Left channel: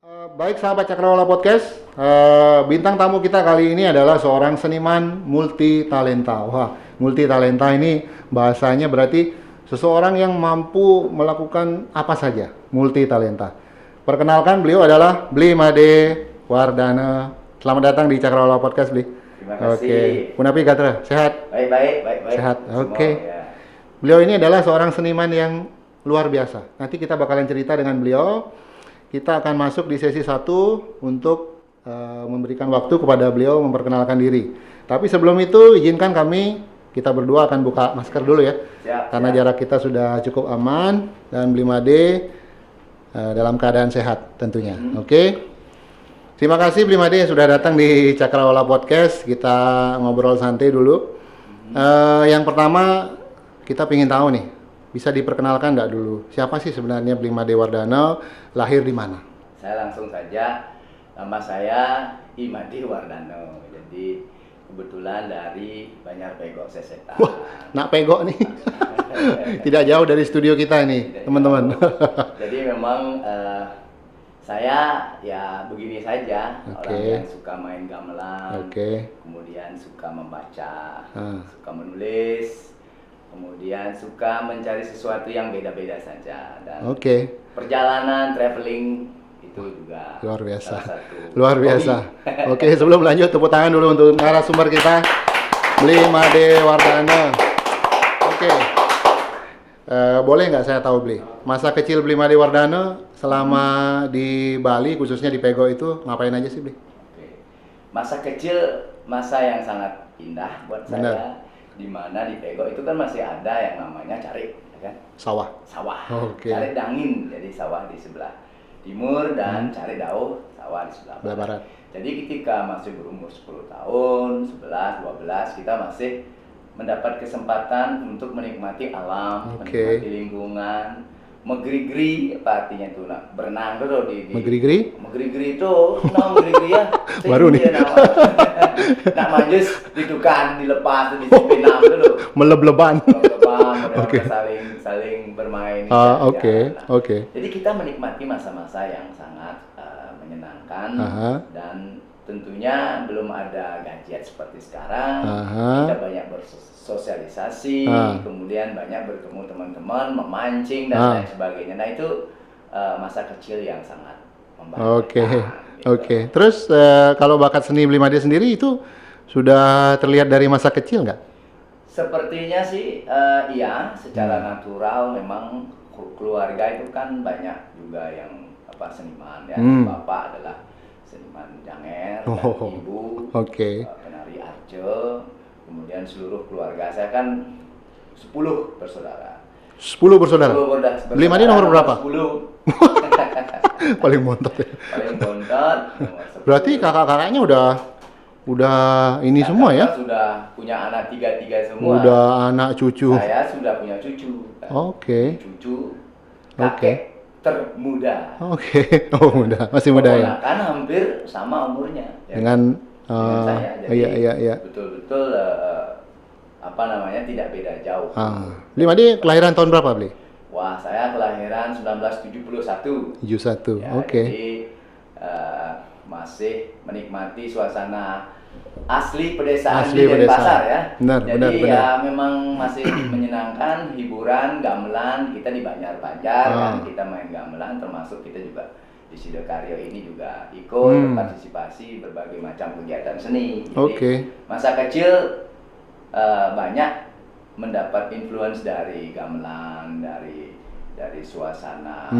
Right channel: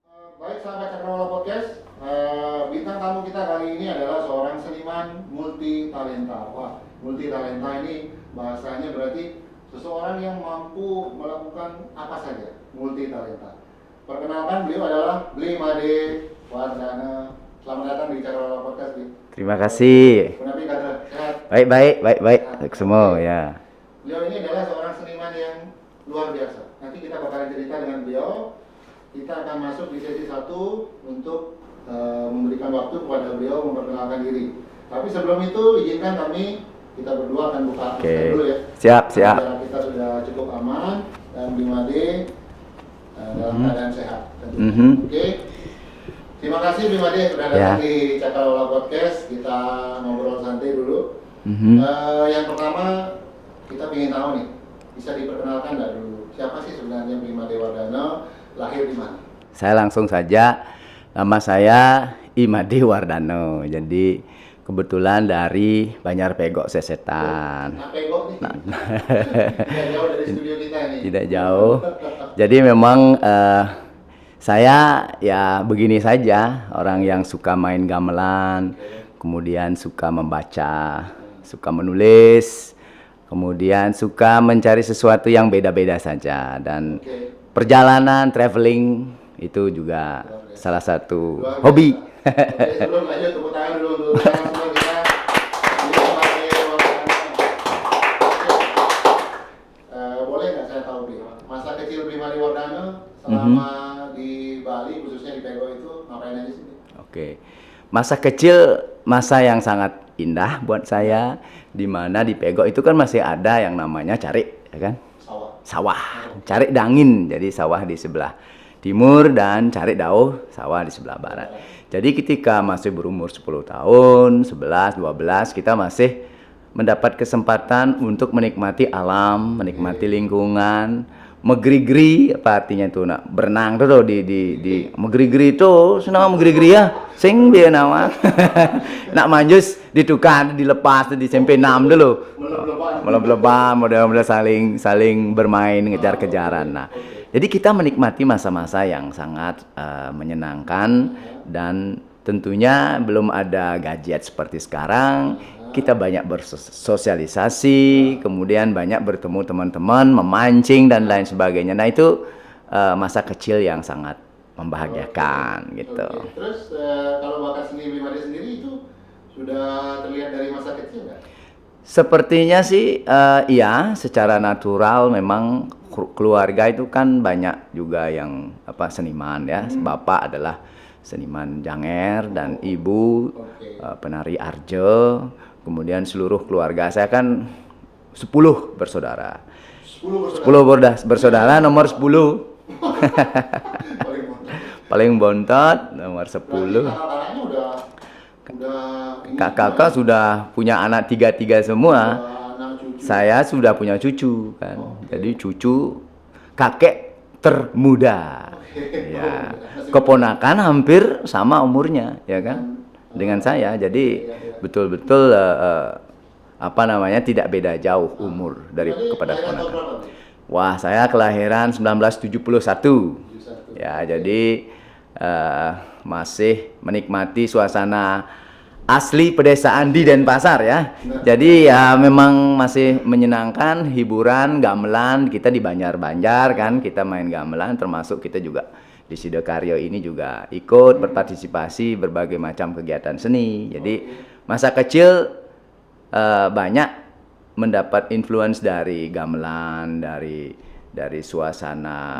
Baik sahabat Cakrawala Podcast, bintang tamu kita kali ini adalah seorang seniman multi talenta. Wah, multi talenta ini bahasanya berarti seseorang yang mampu melakukan apa saja, multi talenta. Perkenalkan, beliau adalah Bli Made Wardana. Selamat datang di Cakrawala Podcast, Bli. Terima kasih. Punapi Gatra, sehat? Baik. Sehat. Semua Oke. ya. Beliau ini adalah seorang seniman yang luar biasa. Nanti kita bakalan cerita dengan beliau. Kita akan masuk di sesi 1 untuk memberikan waktu kepada beliau memperkenalkan diri. Tapi sebelum itu izinkan kita berdua akan buka masker dulu ya. Siap. Karena jarak kita sudah cukup aman dan Bli Made dalam keadaan sehat tentunya. Oke. Terima kasih Bli Made sudah datang di Cakrawala Podcast. Kita ngobrol santai dulu. Yang pertama kita ingin tahu nih, bisa diperkenalkan nggak dulu? Siapa sih sebenarnya Bli Made Wardana? Lahir di mana? Saya langsung saja, nama saya Imade Wardano. Jadi kebetulan dari Banjar Pegok Sesetan. Nak pegok nih. Tidak jauh dari studio kita ini, Tidak teman-teman. jauh. Jadi memang saya ya begini saja, orang yang suka main gamelan, kemudian suka membaca, suka menulis, kemudian suka mencari sesuatu yang beda-beda saja dan perjalanan, traveling itu juga salah satu hobi. Oke, sebelum lanjut tepuk tangan dulu untuk narasumber kita, Bli Made Wardana. Oke, boleh nggak saya tahu Bli, masa kecil Bli Made Wardana selama di Bali khususnya di Pegok itu ngapain aja sih Bli? Oke, masa kecil masa yang sangat indah buat saya, di mana di Pegok itu kan masih ada yang namanya cari. Ya kan? Sawah. Cari dangin, jadi sawah di sebelah timur dan cari dauh sawah di sebelah barat. Jadi ketika masih berumur 10 tahun, 11, 12, kita masih mendapat kesempatan untuk menikmati alam, menikmati lingkungan, megrigri, apa artinya itu nak berenang tuh megrigri itu senang megrigri ya, sing dia nama nak manjus ditukan dilepas disimpen nam dulu meleb-leban model saling bermain kejar-kejaran. Jadi kita menikmati masa-masa yang sangat menyenangkan dan tentunya belum ada gadget seperti sekarang. Kita banyak bersosialisasi, kemudian banyak bertemu teman-teman, memancing dan lain sebagainya. Nah itu masa kecil yang sangat membahagiakan. Gitu. Terus kalau bakat seni Bli Made sendiri itu sudah terlihat dari masa kecil nggak? Sepertinya sih iya, secara natural memang keluarga itu kan banyak juga yang seniman ya. Bapak adalah seniman janger dan ibu penari arjo, kemudian seluruh keluarga saya kan 10 bersaudara. 10 bersaudara? 10 bersaudara nomor 10. Paling bontot nomor 10. Berarti kakak-kakaknya udah ini semua ya? Kakak sudah punya anak 3 semua. Udah anak cucu. Saya sudah punya cucu kan. Jadi cucu kakek termuda. Muda. Masih muda. Keponakan hampir sama umurnya ya dengan saya. Jadi betul-betul tidak beda jauh umur. Bli Made kelahiran tahun berapa, Bli? Wah, saya kelahiran 1971. 71. Ya, jadi masih menikmati suasana asli pedesaan di Denpasar ya. Jadi memang masih menyenangkan, hiburan, gamelan, kita di Banjar-Banjar kan, kita main gamelan, termasuk kita juga di Sidokaryo ini juga ikut berpartisipasi berbagai macam kegiatan seni. Jadi masa kecil banyak mendapat influence dari gamelan, dari suasana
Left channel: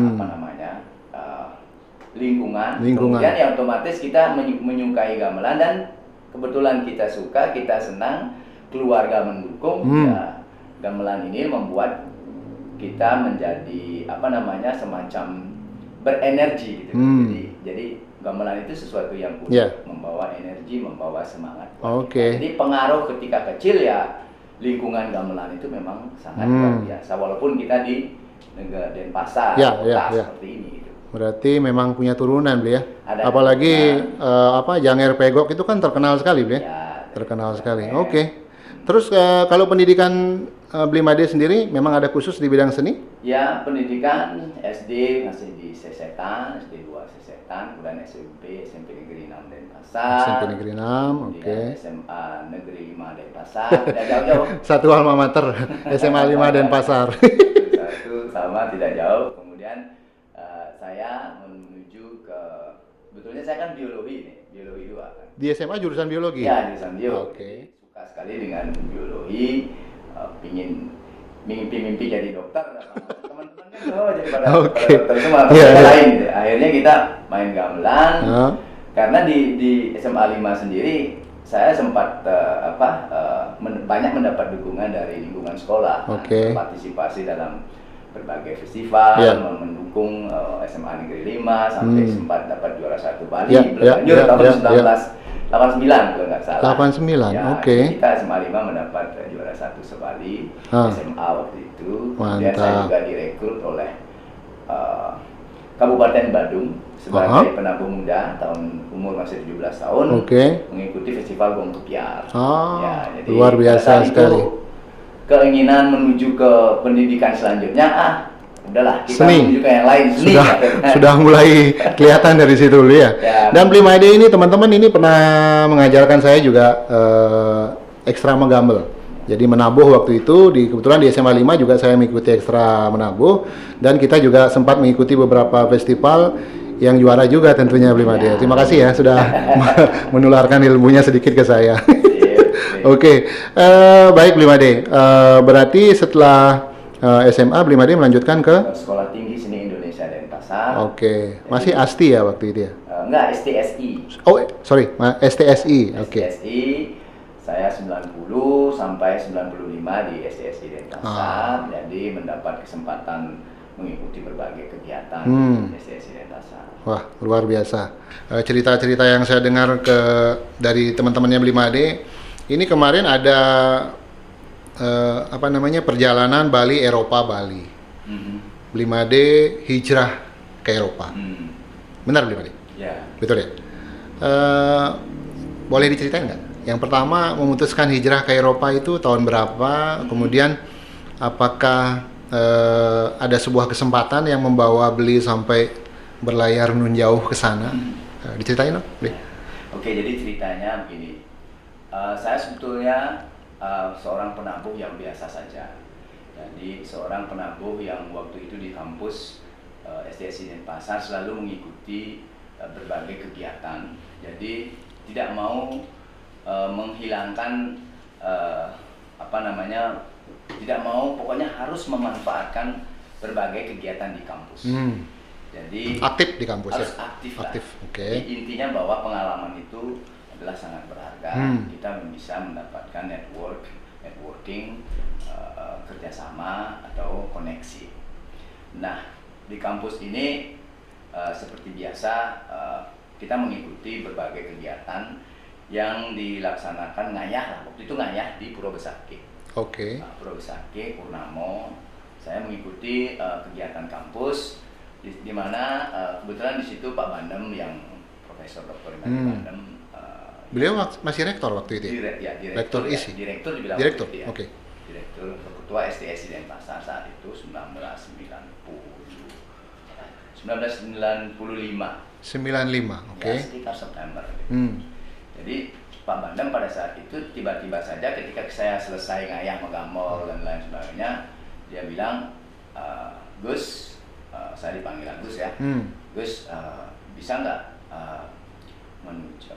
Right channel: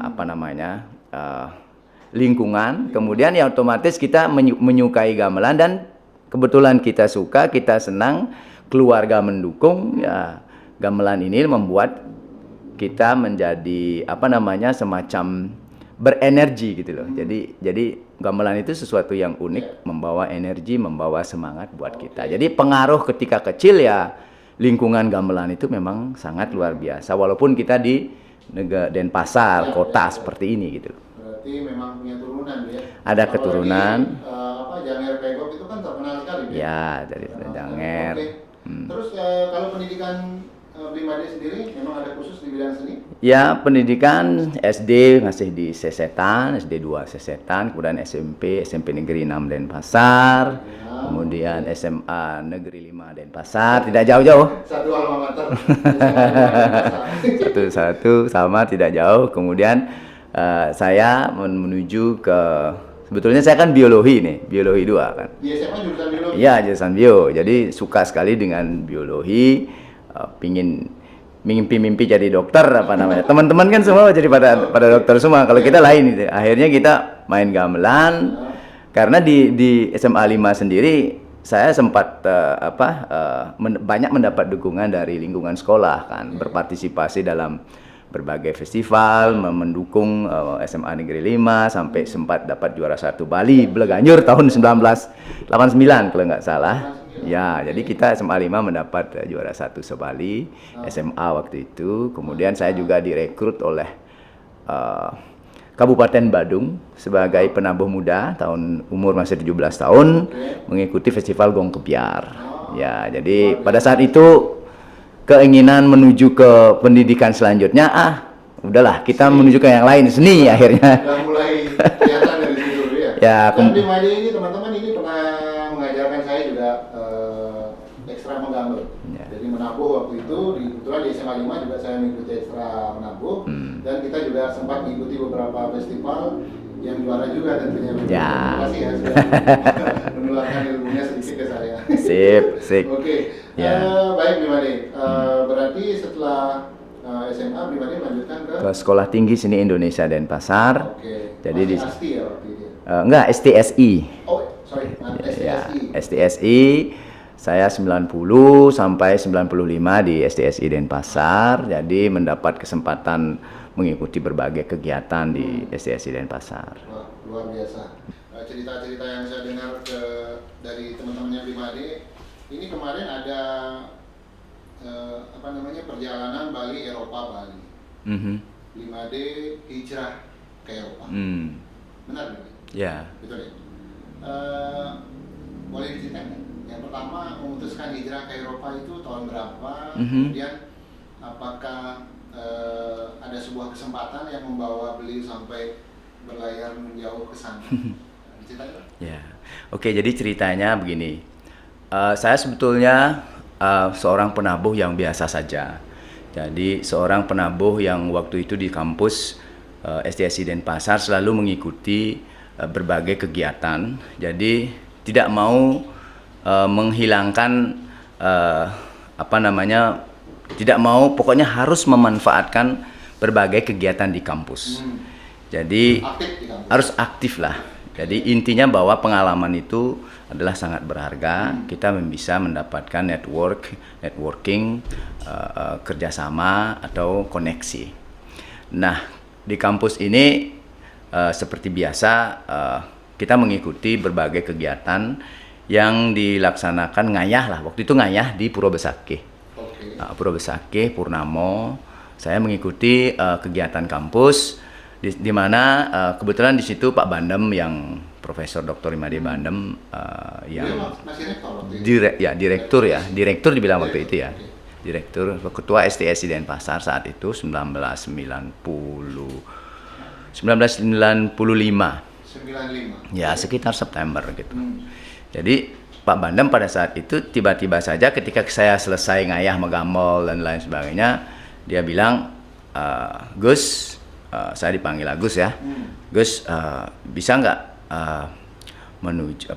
lingkungan. Kemudian ya otomatis kita menyukai gamelan dan kebetulan kita suka, kita senang, keluarga mendukung, ya gamelan ini membuat kita menjadi semacam berenergi gitu. Jadi gamelan itu sesuatu yang unik, membawa energi, membawa semangat buat kita. Jadi pengaruh ketika kecil ya lingkungan gamelan itu memang sangat luar biasa. Walaupun kita di Denpasar, kota seperti ini gitu. Berarti memang punya turunan, Bli ya. Ada apalagi keturunan. Janger Pegok itu kan terkenal sekali, Bli. Ya, terkenal sekali. Terus kalau pendidikan Blimade sendiri memang ada khusus di bidang seni? Ya, pendidikan SD masih di Sesetan, SD 2 Sesetan, kemudian SMP Negeri 6 Denpasar, Negeri 6, kemudian SMA Negeri 5 Denpasar, tidak jauh-jauh. Satu alma mater, SMA 5 Denpasar. Satu sama, tidak jauh. Kemudian saya menuju ke, sebetulnya saya kan biologi 2 kan. Di SMA jurusan biologi? Iya, jurusan bio. Jadi suka sekali dengan biologi, pingin mimpi jadi dokter apa namanya. Teman-teman kan semua jadi pada dokter semua. Kalau kita lain gitu. Akhirnya kita main gamelan. Karena di SMA 5 sendiri saya sempat banyak mendapat dukungan dari lingkungan sekolah kan, berpartisipasi dalam berbagai festival, mendukung SMA Negeri 5 sampai sempat dapat juara 1 Bali Bleganjur tahun 1989 kalau nggak salah. 89. Ya, jadi kita SMA 5 mendapat juara 1 se-Bali SMA waktu itu. Kemudian saya juga direkrut oleh Kabupaten Badung sebagai penabuh muda umur masih 17 tahun mengikuti festival Gong Kepiar. Ya, jadi pada saat itu keinginan menuju ke pendidikan selanjutnya, udahlah kita menuju ke yang lain, seni akhirnya. Sudah mulai kelihatan dari situ dulu ya. Dan Blimade ini teman-teman ini pernah mengajarkan saya juga ekstra menggambel. Jadi menabuh waktu itu, kebetulan di SMA 5 juga saya mengikuti ekstra menabuh, dan kita juga sempat mengikuti beberapa festival yang juara juga tentunya Blimade. Terima kasih ya sudah menularkan ilmunya sedikit ke saya. Sip. Oke. Baik Blimade. Berarti setelah SMA Blimade melanjutkan ke Sekolah Tinggi Seni Indonesia Denpasar. Masih ASTI ya waktu itu ya? Enggak, STSI. Oh, sorry, STSI. STSI. Saya 90 sampai 95 di STSI Denpasar. Jadi mendapat kesempatan mengikuti berbagai kegiatan di STSI Denpasar. Wah, luar biasa. Cerita-cerita yang saya dengar dari teman-temannya Blimade, ini kemarin ada perjalanan Bali Eropa Bali. Blimade hijrah ke Eropa. Benar Blimade? Ya. Betul ya? Boleh diceritain nggak? Yang pertama memutuskan hijrah ke Eropa itu tahun berapa? Kemudian apakah ada sebuah kesempatan yang membawa Bli sampai berlayar nun jauh ke sana? Diceritain dong, Bli. Oke, jadi ceritanya begini. Saya sebetulnya seorang penabuh yang biasa saja. Jadi seorang penabuh yang waktu itu di kampus STSI Denpasar selalu mengikuti berbagai kegiatan. Jadi tidak mau menghilangkan tidak mau, pokoknya harus memanfaatkan berbagai kegiatan di kampus. Jadi aktif di kampus. Harus aktif lah. Jadi intinya bahwa pengalaman itu adalah sangat berharga. Kita bisa mendapatkan networking, kerjasama atau koneksi. Nah, di kampus ini seperti biasa kita mengikuti berbagai kegiatan yang dilaksanakan ngayah lah. Waktu itu ngayah di Pura Besakih. Pura Besakih, Purnamo. Saya mengikuti kegiatan kampus di mana kebetulan di situ Pak Bandem yang Profesor Dr. Imade Bandem beliau masih rektor waktu itu. Direktur dibilang waktu itu ya. Direktur, ketua STSI Denpasar saat itu 1995. Ya, sekitar September gitu. Jadi Pak Bandem pada saat itu tiba-tiba saja ketika saya selesai ngayah megamol dan lain sebagainya, dia bilang, Gus, saya dipanggil Agus ya, Gus, bisa nggak menuju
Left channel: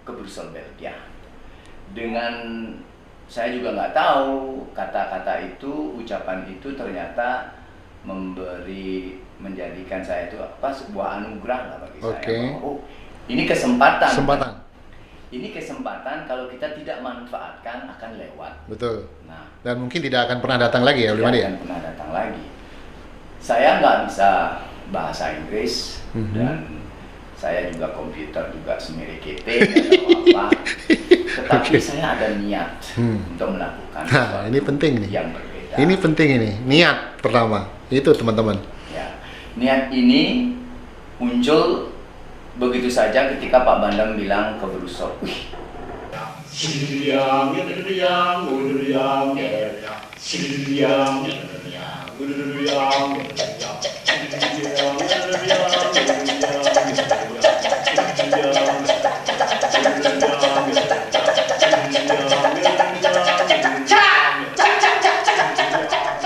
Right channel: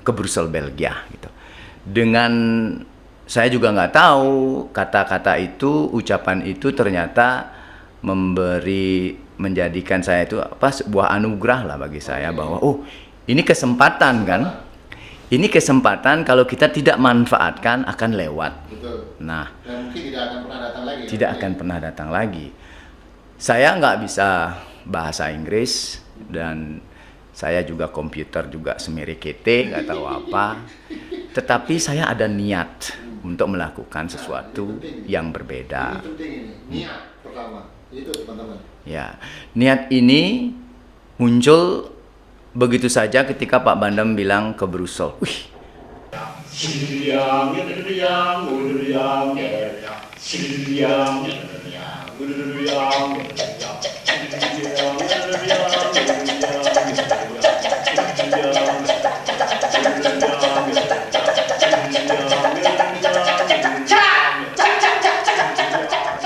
ke Brussel Belgia gitu. Dengan saya juga nggak tahu kata-kata itu, ucapan itu ternyata menjadikan saya itu sebuah anugerah lah bagi saya, bahwa ini kesempatan kan. Ini kesempatan kalau kita tidak manfaatkan akan lewat. Betul. Nah, dan mungkin tidak akan pernah datang lagi ya. Tidak akan pernah datang lagi. Saya nggak bisa bahasa Inggris dan saya juga komputer juga semirikete, nggak tahu apa. Tetapi saya ada niat untuk melakukan sesuatu yang berbeda. Ini penting ini, niat pertama. Itu teman-teman. Ya, niat ini muncul begitu saja ketika Pak Bandem bilang ke Brussel. Wih, Siang yang udah siang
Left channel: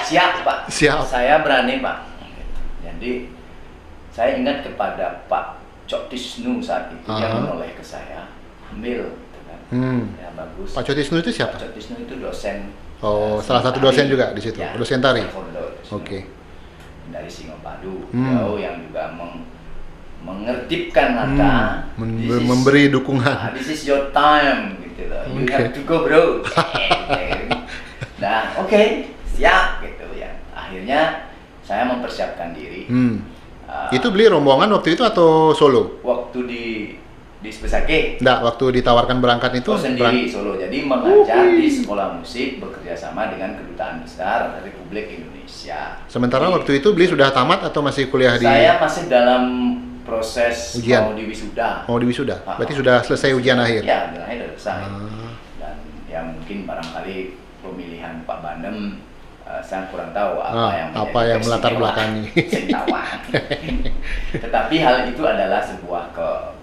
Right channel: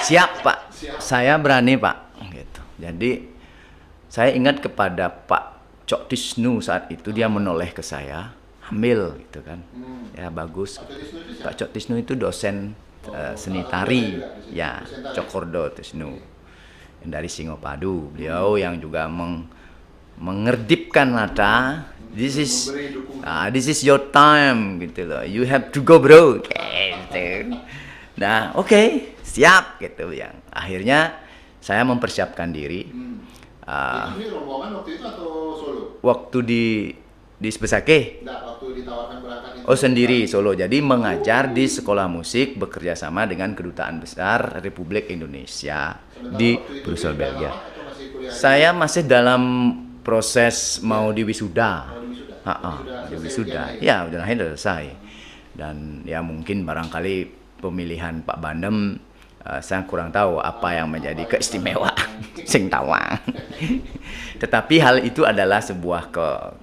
Siap Pak. Siap. Saya berani Pak. Gitu. Jadi saya ingat kepada Pak Cok Tisnu saat itu dia menoleh ke saya, ambil gitu kan. Ya bagus. Pak Cok Tisnu itu siapa? Pak Cok Tisnu itu dosen. Salah satu dosen juga di situ. Ya, dosen tari. Oke. Dari Singopadu. Beliau yang juga mengerdipkan nada. Memberi dukungan. This is your time gitu loh. You have to go bro. Nah, oke, siap gitu ya. Akhirnya saya mempersiapkan diri. Itu beli rombongan waktu itu atau solo? Waktu di Sebesake? Enggak, waktu ditawarkan berangkat itu? Sendiri, solo. Jadi mengajar di sekolah musik bekerja sama dengan Kedutaan Besar Republik Indonesia. Sementara waktu itu beli sudah tamat atau masih kuliah di? Saya masih dalam proses ujian. Mau diwisuda. Mau diwisuda? Berarti sudah selesai ujian akhir? Ya, ujian akhir sudah selesai. Dan ya mungkin barangkali pemilihan Pak Bandem saya kurang tahu apa yang menjadi keistimewaan sing tawa. Tetapi hal itu adalah sebuah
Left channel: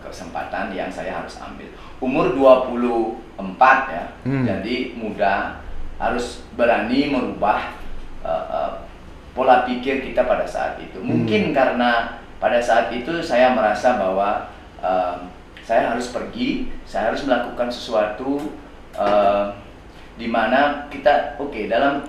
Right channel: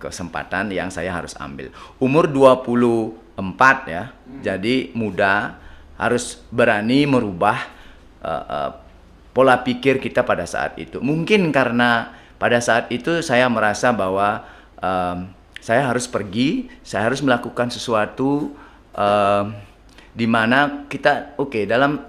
kesempatan yang saya harus ambil. Umur 24 ya. Jadi muda, harus berani merubah pola pikir kita pada saat itu. Mungkin karena pada saat itu saya merasa bahwa saya harus pergi, saya harus melakukan sesuatu di mana kita dalam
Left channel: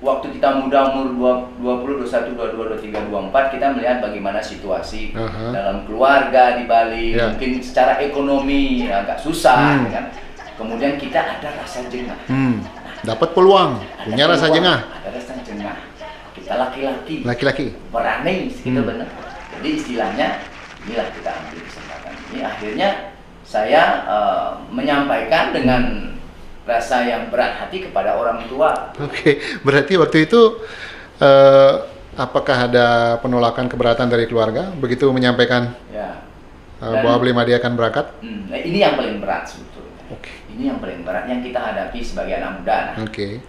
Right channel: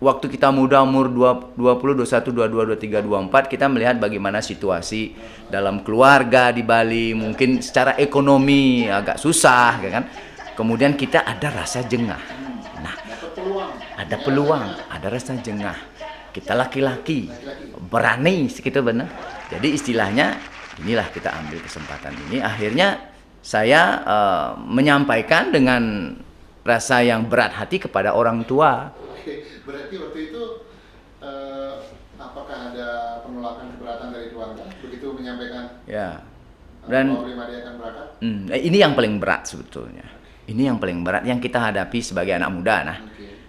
waktu kita muda umur 20, 21, 22, 23, 24 kita melihat bagaimana situasi dalam keluarga di Bali, mungkin secara ekonomi agak susah kan. Kemudian kita ada rasa jengah. Nah, dapat peluang, punya rasa jengah. Ada rasa jengah. Kita laki-laki. Berani segitu benar. Jadi istilahnya inilah kita ambil kesempatan ini. Akhirnya saya menyampaikan dengan rasa yang berat hati kepada orang tua. Oke, berarti waktu itu apakah ada penolakan keberatan dari keluarga begitu menyampaikan bahwa Beli Made akan berangkat? Ini yang paling berat sebetulnya. Ini yang paling berat yang kita hadapi sebagai anak muda.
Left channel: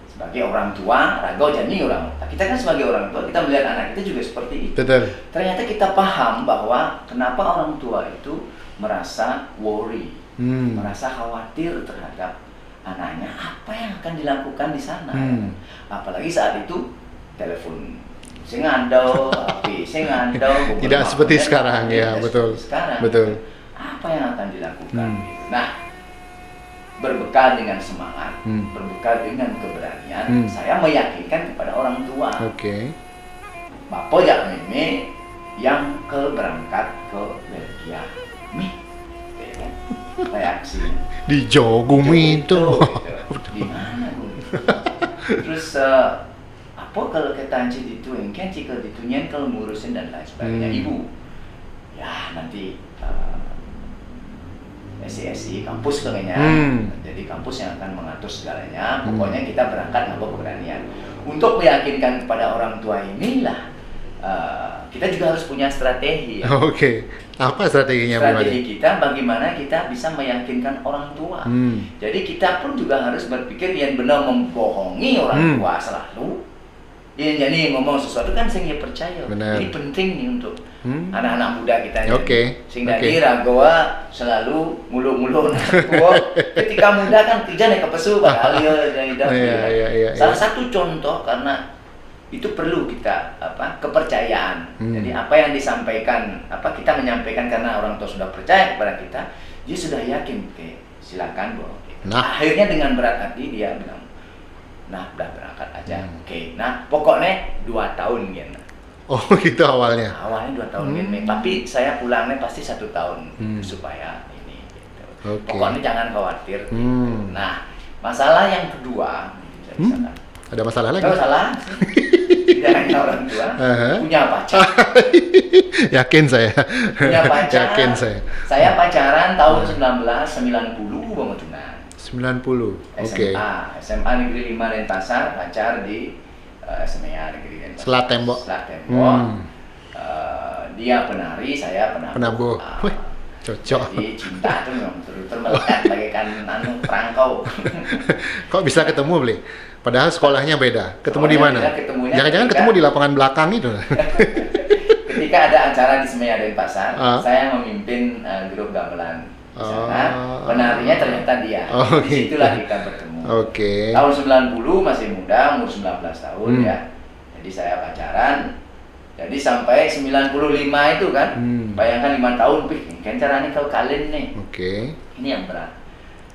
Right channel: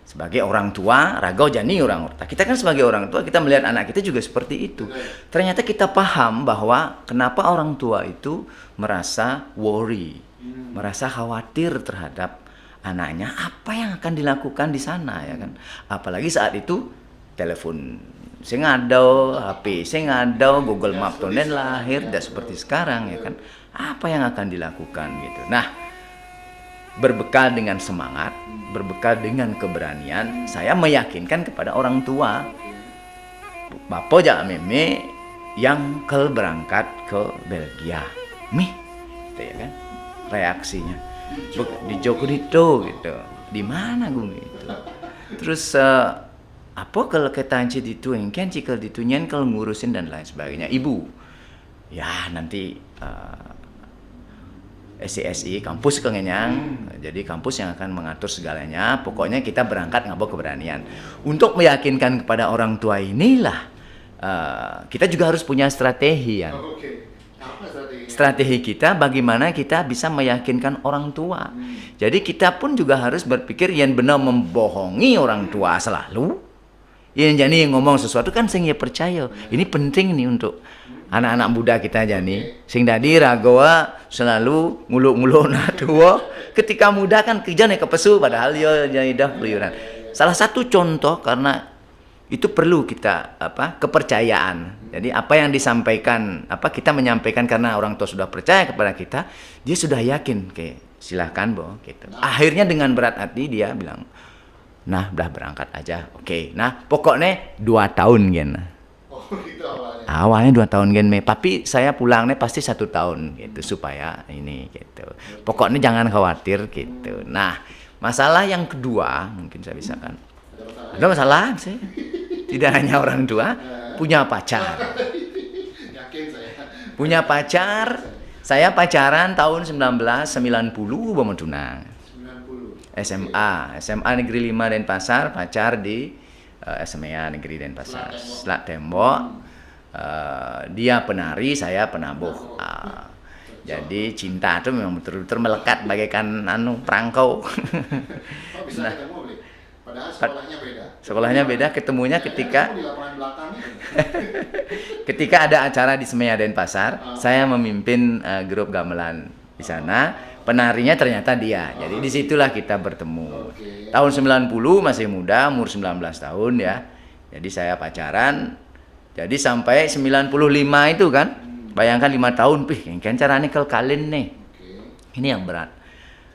Sebagai orang tua, rago jani orang. Kita kan sebagai orang tua kita melihat anak kita juga seperti itu. Betul. Ternyata kita paham bahwa kenapa orang tua itu merasa worry, merasa khawatir terhadap anaknya, apa yang akan dilakukan di sana ya kan? Apalagi saat itu telepon saya ngadau, HP saya ngadau, Google tidak seperti sekarang ya, betul. Seperti sekarang. Betul. Ya kan? Apa yang akan dilakukan gitu. Nah, berbekal dengan semangat, berbekal dengan keberanian, saya meyakinkan kepada orang tua. Bapak jak meme yang berangkat ke Belgia. Ya kan? Reaksinya di Jogung itu. Di mana Gung? Terus apa kalau kita itu kan jika ditunyan kalau ngurusin dan lain sebagainya. Ibu ya nanti SCSI kampus kayaknya. Jadi kampus yang akan mengatur segalanya. Pokoknya kita berangkat ngabok keberanian untuk meyakinkan kepada orang tua inilah kita juga harus punya strategi ya. Apa strateginya? Strategi kita bagaimana kita bisa meyakinkan orang tua. Jadi kita pun juga harus berpikir yang benar membohongi orang tua selalu. Yang jadi ngomong sesuatu kan sehingga percaya. Ini penting nih untuk anak-anak muda kita jadi. Sehingga ragoa selalu ngulu-ngulu anak tua. Ketika muda kan kerja nih kepesu padahal dia jadi salah satu contoh karena itu perlu kita kepercayaan. Jadi apa yang disampaikan, kita menyampaikan karena orang tua sudah percaya kepada kita, dia sudah yakin, silakan Bo. Gitu. Akhirnya dengan berat hati dia bilang, nah udah berangkat aja. Nah pokoknya 2 tahun gen. Gitu awalnya. Awalnya 2 tahun gen, tapi saya pulangnya pasti 1 tahun gitu supaya ini gitu. Pokoknya jangan khawatir gitu. Nah masalah yang kedua mungkin saya misalkan. Ada masalah lagi? Ada masalah sih. Tidak hanya orang tua, punya pacar. Yakin saya. Punya pacar. Yakin saya. Saya pacaran tahun 1990 banget tunang. 90. SMA Negeri 5 Denpasar, pacar di SMA Negeri Denpasar. Selat Tembok. Dia penari, saya penabuh. Cocok. Jadi cinta tuh memang betul-betul melekat bagaikan perangkau. Kok bisa ketemu, Bli? Padahal sekolahnya beda. Ketemu Sekolahnya di mana? beda, ketemunya Jangan-jangan ketika- ketemu di lapangan belakang itu. Ketika ada acara di Semeya Denpasar, saya memimpin grup gamelan di sana. Penarinya ternyata dia. Oke. Disitulah kita bertemu. Oke. Tahun 90 masih muda, umur 19 tahun ya. Jadi saya pacaran. Jadi sampai 95 itu kan. Bayangkan 5 tahun, kan caranya kalau kalian nih. Oke. Ini yang berat.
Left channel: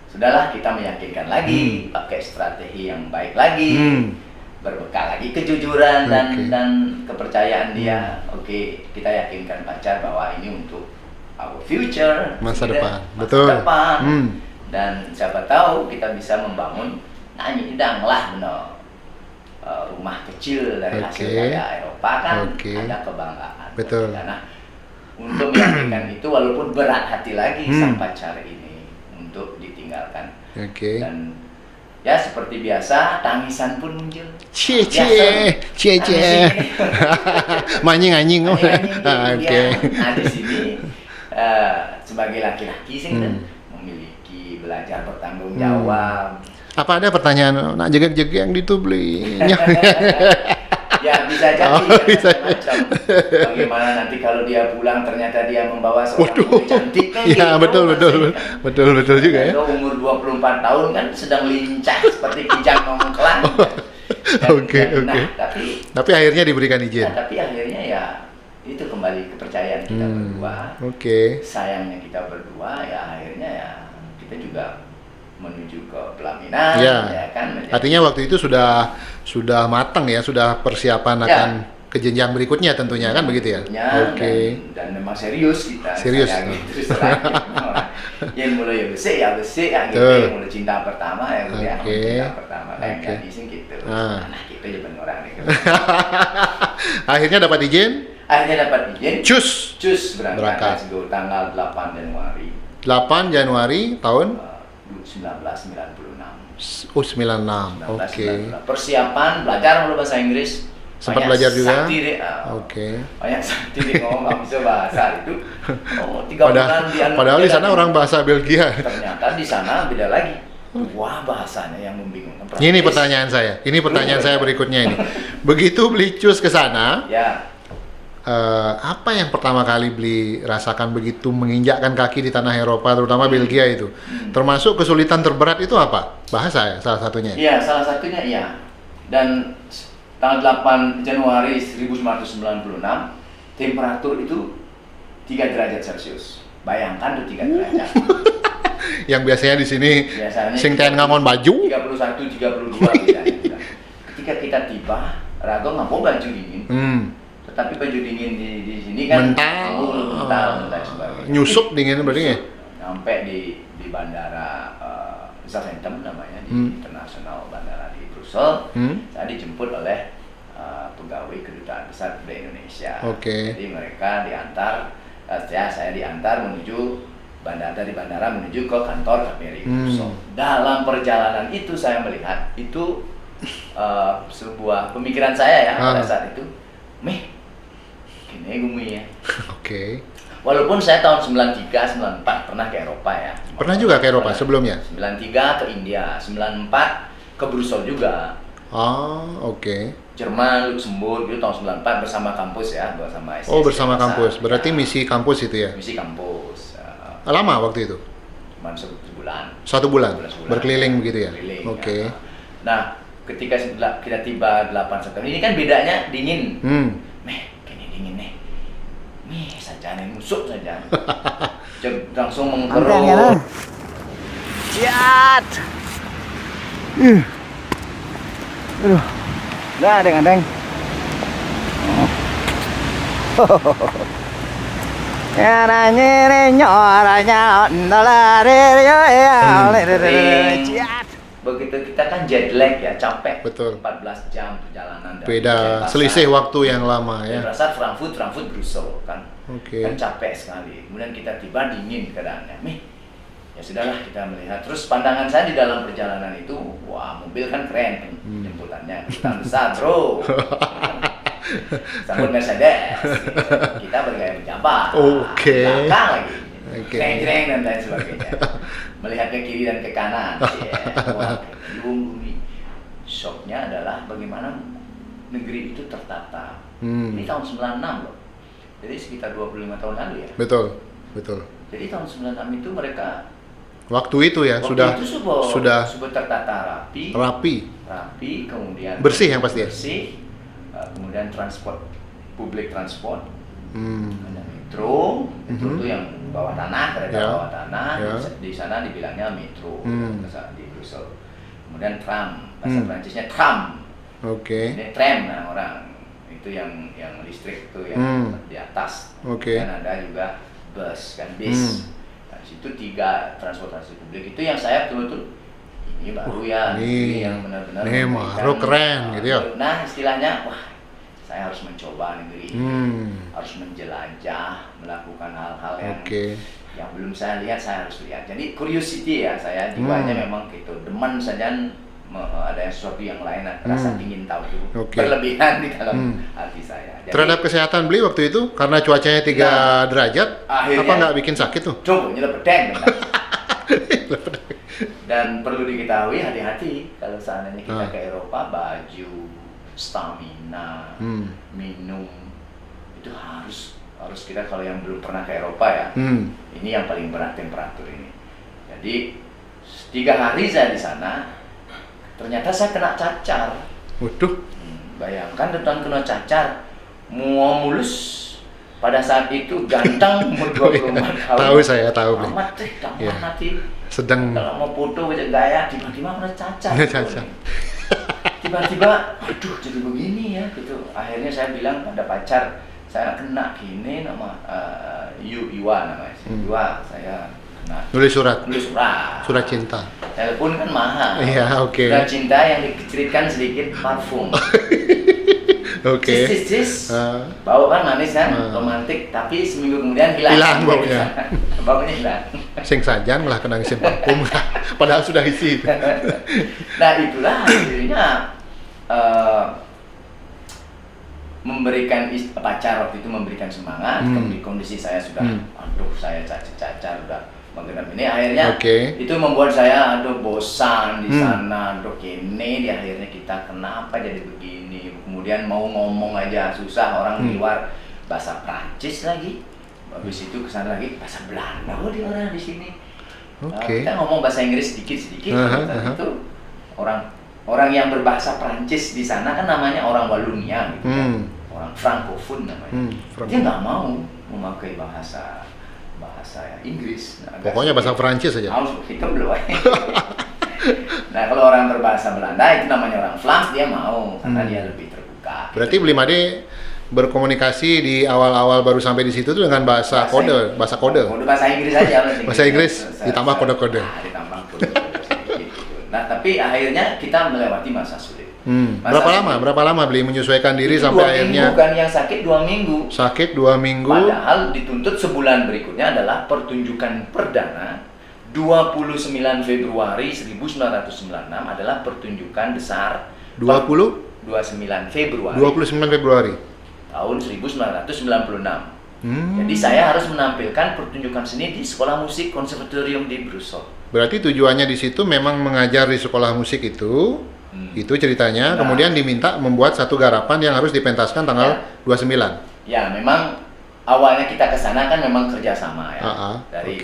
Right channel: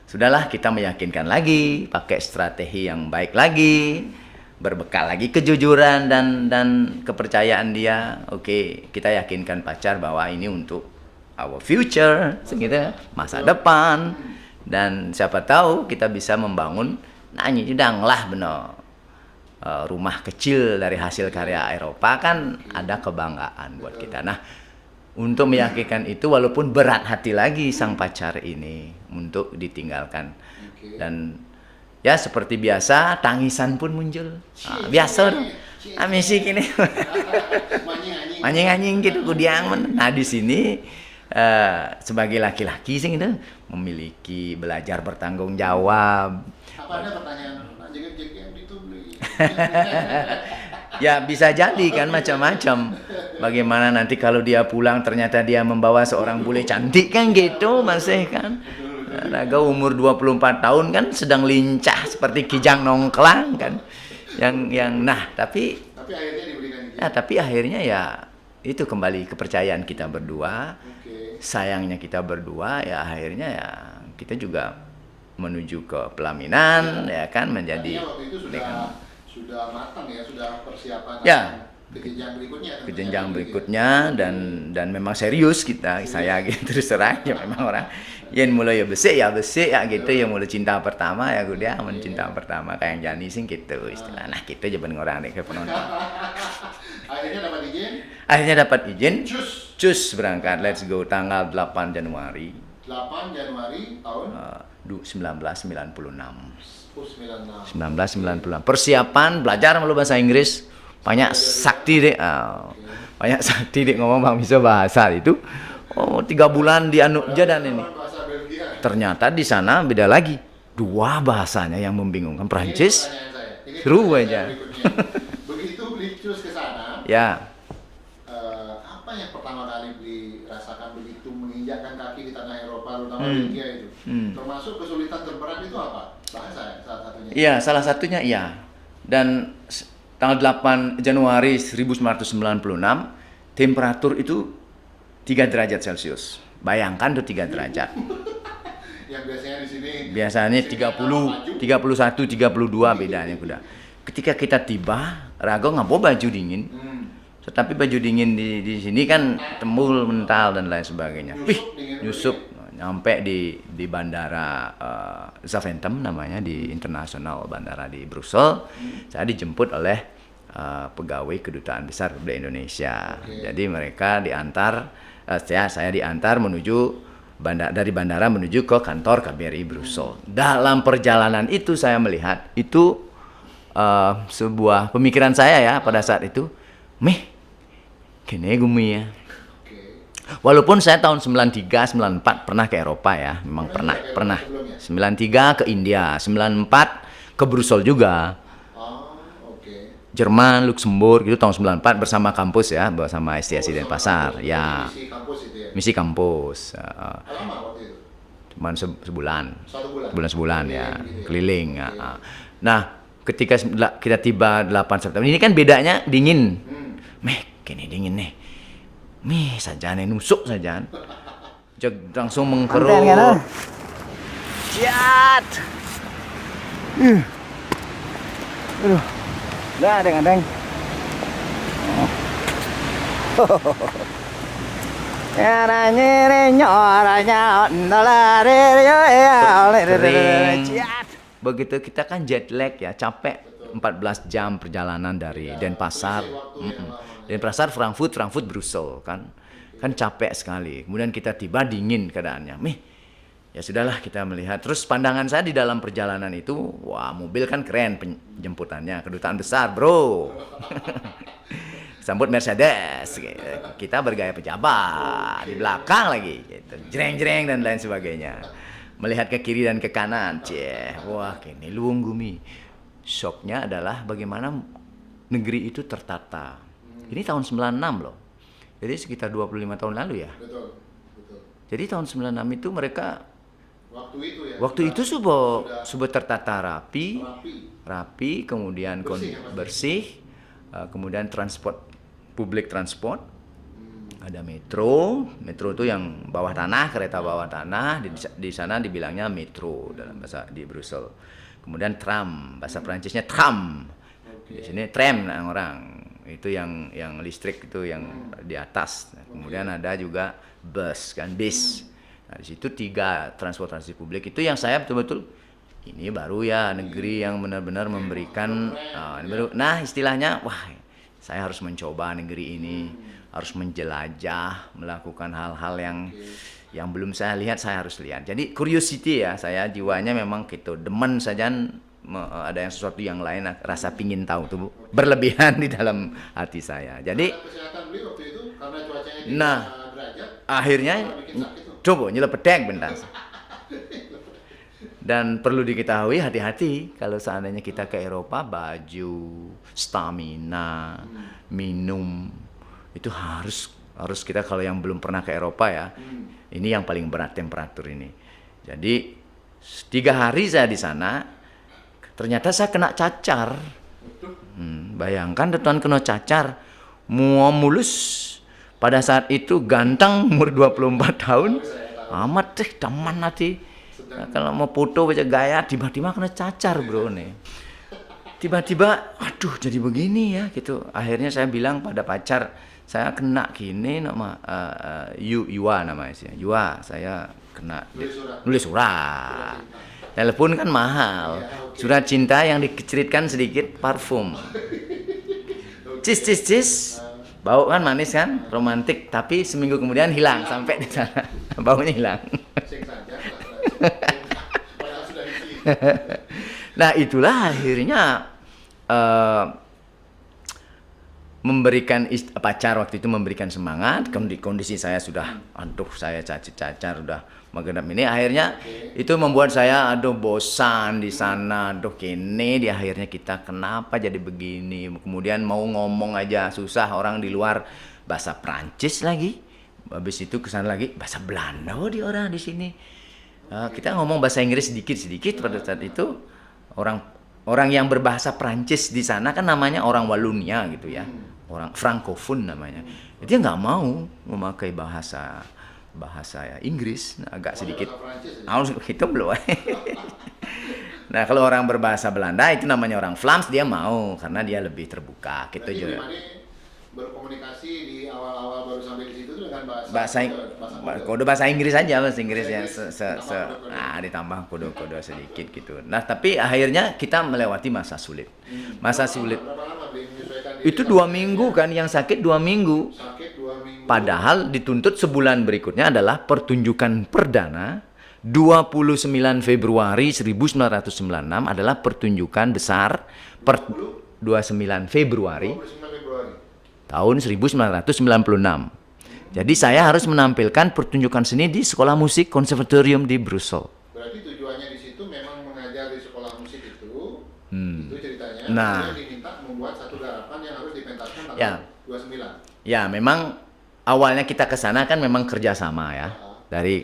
Sudahlah kita meyakinkan lagi, pakai strategi yang baik lagi. Berbekal lagi kejujuran dan kepercayaan dia. Oke, kita yakinkan pacar bahwa ini untuk our future, Masa gitu, depan. masa Betul. depan. Dan siapa tahu kita bisa membangun. Nah ini danglah benar rumah kecil dari hasil karya Eropa kan ada kebanggaan buat Betul. kita. Nah untuk meyakinkan itu walaupun berat hati lagi sang pacar ini untuk ditinggalkan. Oke. Dan ya seperti biasa tangisan pun muncul. Cie, Biasa cie. Manying-anying. anjing-anjing gitu Oke. kemudian. Nah di sini sebagai laki-laki sih gitu memiliki belajar bertanggung jawab. Apa ada pertanyaan nak jegek-jegek yang itu, Bli? Ya bisa jadi kan bisa. macam-macam. Bagaimana nanti kalau dia pulang ternyata dia membawa seorang putri cantik kan Ya, gitu. betul. Kan? Betul juga ya. Atau umur 24 tahun kan sedang lincah seperti kijang nongklang kan. Oke. Nah, tapi akhirnya diberikan izin. tapi akhirnya ya itu kembali kepercayaan kita berdua. Oke. Sayangnya kita berdua ya akhirnya ya kita juga menuju ke pelaminan ya kan menjadi. Artinya waktu itu sudah matang ya, sudah persiapan akan ke jenjang berikutnya tentunya kan begitu ya. Oke. Dan memang serius kita. Serius. Saya gitu terus terang ya, memang orang yang mulai ya besi ya gitu yang mulai cinta pertama ya gitu ya. Cinta pertama kayak Gani sing gitu. Nah kita jaman orang nih. Akhirnya dapat izin. Akhirnya dapat izin. Cus berangkat. Let's go tanggal 8 Januari. 8 Januari tahun 1996. Oh 96. 1996. Persiapan belajar mulu bahasa Inggris. Sempat belajar juga? Sakti deh. Banyak sakti deh ngomong nggak bisa bahasa itu. 3 bulan di anu. Padahal di sana orang bahasa Belgia. Ternyata di sana beda lagi. 2 bahasanya yang membingungkan. Prancis. Ini pertanyaan saya berikutnya ini. Begitu Bli cus ke sana, Ya. apa yang pertama kali Bli rasakan begitu menginjakkan kaki di tanah Eropa, terutama Belgia itu? Termasuk kesulitan terberat itu apa? Bahasa ya salah satunya. Iya, salah satunya iya. Dan tanggal 8 Januari 1996 temperatur itu 3 derajat Celcius. Bayangkan tuh 3 derajat. Yang biasanya di sini sing ten ngamon baju 31 32 bedanya udah. Ketika kita tiba, Rago nggak mau baju dingin. Tetapi baju dingin di sini kan tembul, mental dan lain sebagainya. Nyusup dingin berarti ya? Sampai di bandara Zaventem namanya di internasional bandara di Brussel. Saya dijemput oleh pegawai kedutaan besar Republik Indonesia. Jadi mereka diantar, saya diantar menuju dari bandara menuju ke kantor KBRI Brussel. Dalam perjalanan itu saya melihat itu sebuah pemikiran saya ya pada saat itu, kene gumi ya. Walaupun saya tahun 93, 94 pernah ke Eropa ya. Pernah juga ke Eropa sebelumnya? 93 ke India, 94 ke Brussel juga. Jerman, Luxembourg itu tahun 94 bersama kampus ya, bersama STS. Bersama kampus. Berarti misi kampus itu ya? Misi kampus. Lama waktu itu? Cuman sebulan. 1 bulan? Sebulan. Berkeliling begitu ya? Berkeliling. Nah, ketika kita tiba 8 September, ini kan bedanya dingin. Kini dingin nih. Saja nih nusuk saja. Langsung mengkerut. Ciat. Aduh. Dah adeng. Begitu kita kan jet lag ya, capek. Betul. 14 jam perjalanan dari Beda, Denpasar. selisih waktu yang lama ya. Denpasar, Frankfurt, Brussel kan. Kan capek sekali. Kemudian kita tiba dingin keadaannya. Ya sudahlah kita melihat. Terus pandangan saya di dalam perjalanan itu, wah mobil kan keren penjemputannya, kedutaan besar, bro. Sambut Mercedes. Kita bergaya pejabat. Belakang lagi. jreng dan lain sebagainya. Melihat ke kiri dan ke kanan. Wah, luwung gumi. Shocknya adalah bagaimana negeri itu tertata. Ini tahun 96 loh. Jadi sekitar 25 tahun lalu ya. Betul. Jadi tahun 96 itu mereka waktu itu ya sudah tertata rapi, kemudian bersih yang pasti. Kemudian public transport. Ada metro itu yang bawah tanah, kereta bawah tanah. Di sana dibilangnya metro di Brussel. Kemudian tram, bahasa Prancisnya tram. Ini tram orang. Itu yang listrik itu yang di atas. Kemudian ada juga bus kan, bis. Nah, di situ 3 transportasi publik itu yang saya betul-betul ini baru ya, negeri yang benar-benar memberikan keren gitu ya. Nah, istilahnya wah, saya harus mencoba negeri ini. Harus menjelajah, melakukan hal-hal yang belum saya lihat, saya harus lihat. Jadi curiosity ya, saya jiwanya memang gitu, demen saja ada yang sesuatu yang lain, rasa pingin tahu tuh berlebihan di dalam hati saya. Jadi, terhadap kesehatan beli waktu itu karena cuacanya 3 derajat, akhirnya, apa nggak bikin sakit tuh? Coba nyelepedek bentar. Dan perlu diketahui hati-hati kalau seandainya kita ke Eropa, baju, stamina, minum itu harus kita, kalau yang belum pernah ke Eropa ya, ini yang paling berat temperatur ini. Jadi 3 hari saya di sana. Ternyata saya kena cacar. Waduh. Bayangkan Tuan kena cacar. Mulus. Pada saat itu ganteng umur 24 tahun. Tahu saya, tahu. Amat deh, taman nanti. Sedang kalau mau foto aja gaya, tiba-tiba kena cacar. Tiba-tiba, aduh jadi begini ya gitu. Akhirnya saya bilang pada pacar, saya kena gini nama Yua namanya sih. Yua, saya nulis surat cinta. Telepon kan mahal. Iya, Surat cinta yang dikecilkan sedikit parfum. Cis. Bau kan manis kan, romantik, tapi seminggu kemudian hilang baunya. Baunya hilang. Sing sajan malah kena ngisi parfum. Padahal sudah isi. Nah, itulah akhirnya memberikan pacar waktu itu memberikan semangat. Kondisi saya sudah aduh, saya cacar udah menggenap ini, akhirnya itu membuat saya bosan di sana, ini di akhirnya kita kenapa jadi begini, kemudian mau ngomong aja susah, orang di luar bahasa Prancis lagi, habis itu kesana lagi bahasa Belanda di orang di sini. Kita ngomong bahasa Inggris sedikit-sedikit. Itu orang yang berbahasa Prancis di sana kan namanya orang Wallonia gitu ya, orang Francophone namanya. Dia nggak mau memakai bahasa Inggris. Pokoknya bahasa Prancis saja. Hitam belum. Nah, kalau orang berbahasa Belanda itu namanya orang Vlaams, dia mau karena dia lebih terbuka. Berarti Bli Made berkomunikasi di awal-awal baru sampai di situ tuh dengan bahasa kode. Kode bahasa Inggris aja. Bahasa Inggris ditambah kode-kode. Ditambah kode-kode sedikit gitu. Nah, tapi akhirnya kita melewati masa sulit. Berapa lama Bli menyesuaikan diri itu sampai akhirnya? 2 minggu kan, yang sakit 2 minggu. Sakit 2 minggu. Padahal dituntut sebulan berikutnya adalah pertunjukan perdana 29 Februari 1996 adalah pertunjukan besar 29 Februari tahun 1996. Jadi saya harus menampilkan pertunjukan seni di Sekolah Musik Konservatorium di Brussel. Berarti tujuannya di situ memang mengajar di sekolah musik itu ceritanya. Kemudian diminta membuat satu garapan yang harus dipentaskan tanggal 29. Ya, memang awalnya kita ke sana kan memang kerjasama ya. Dari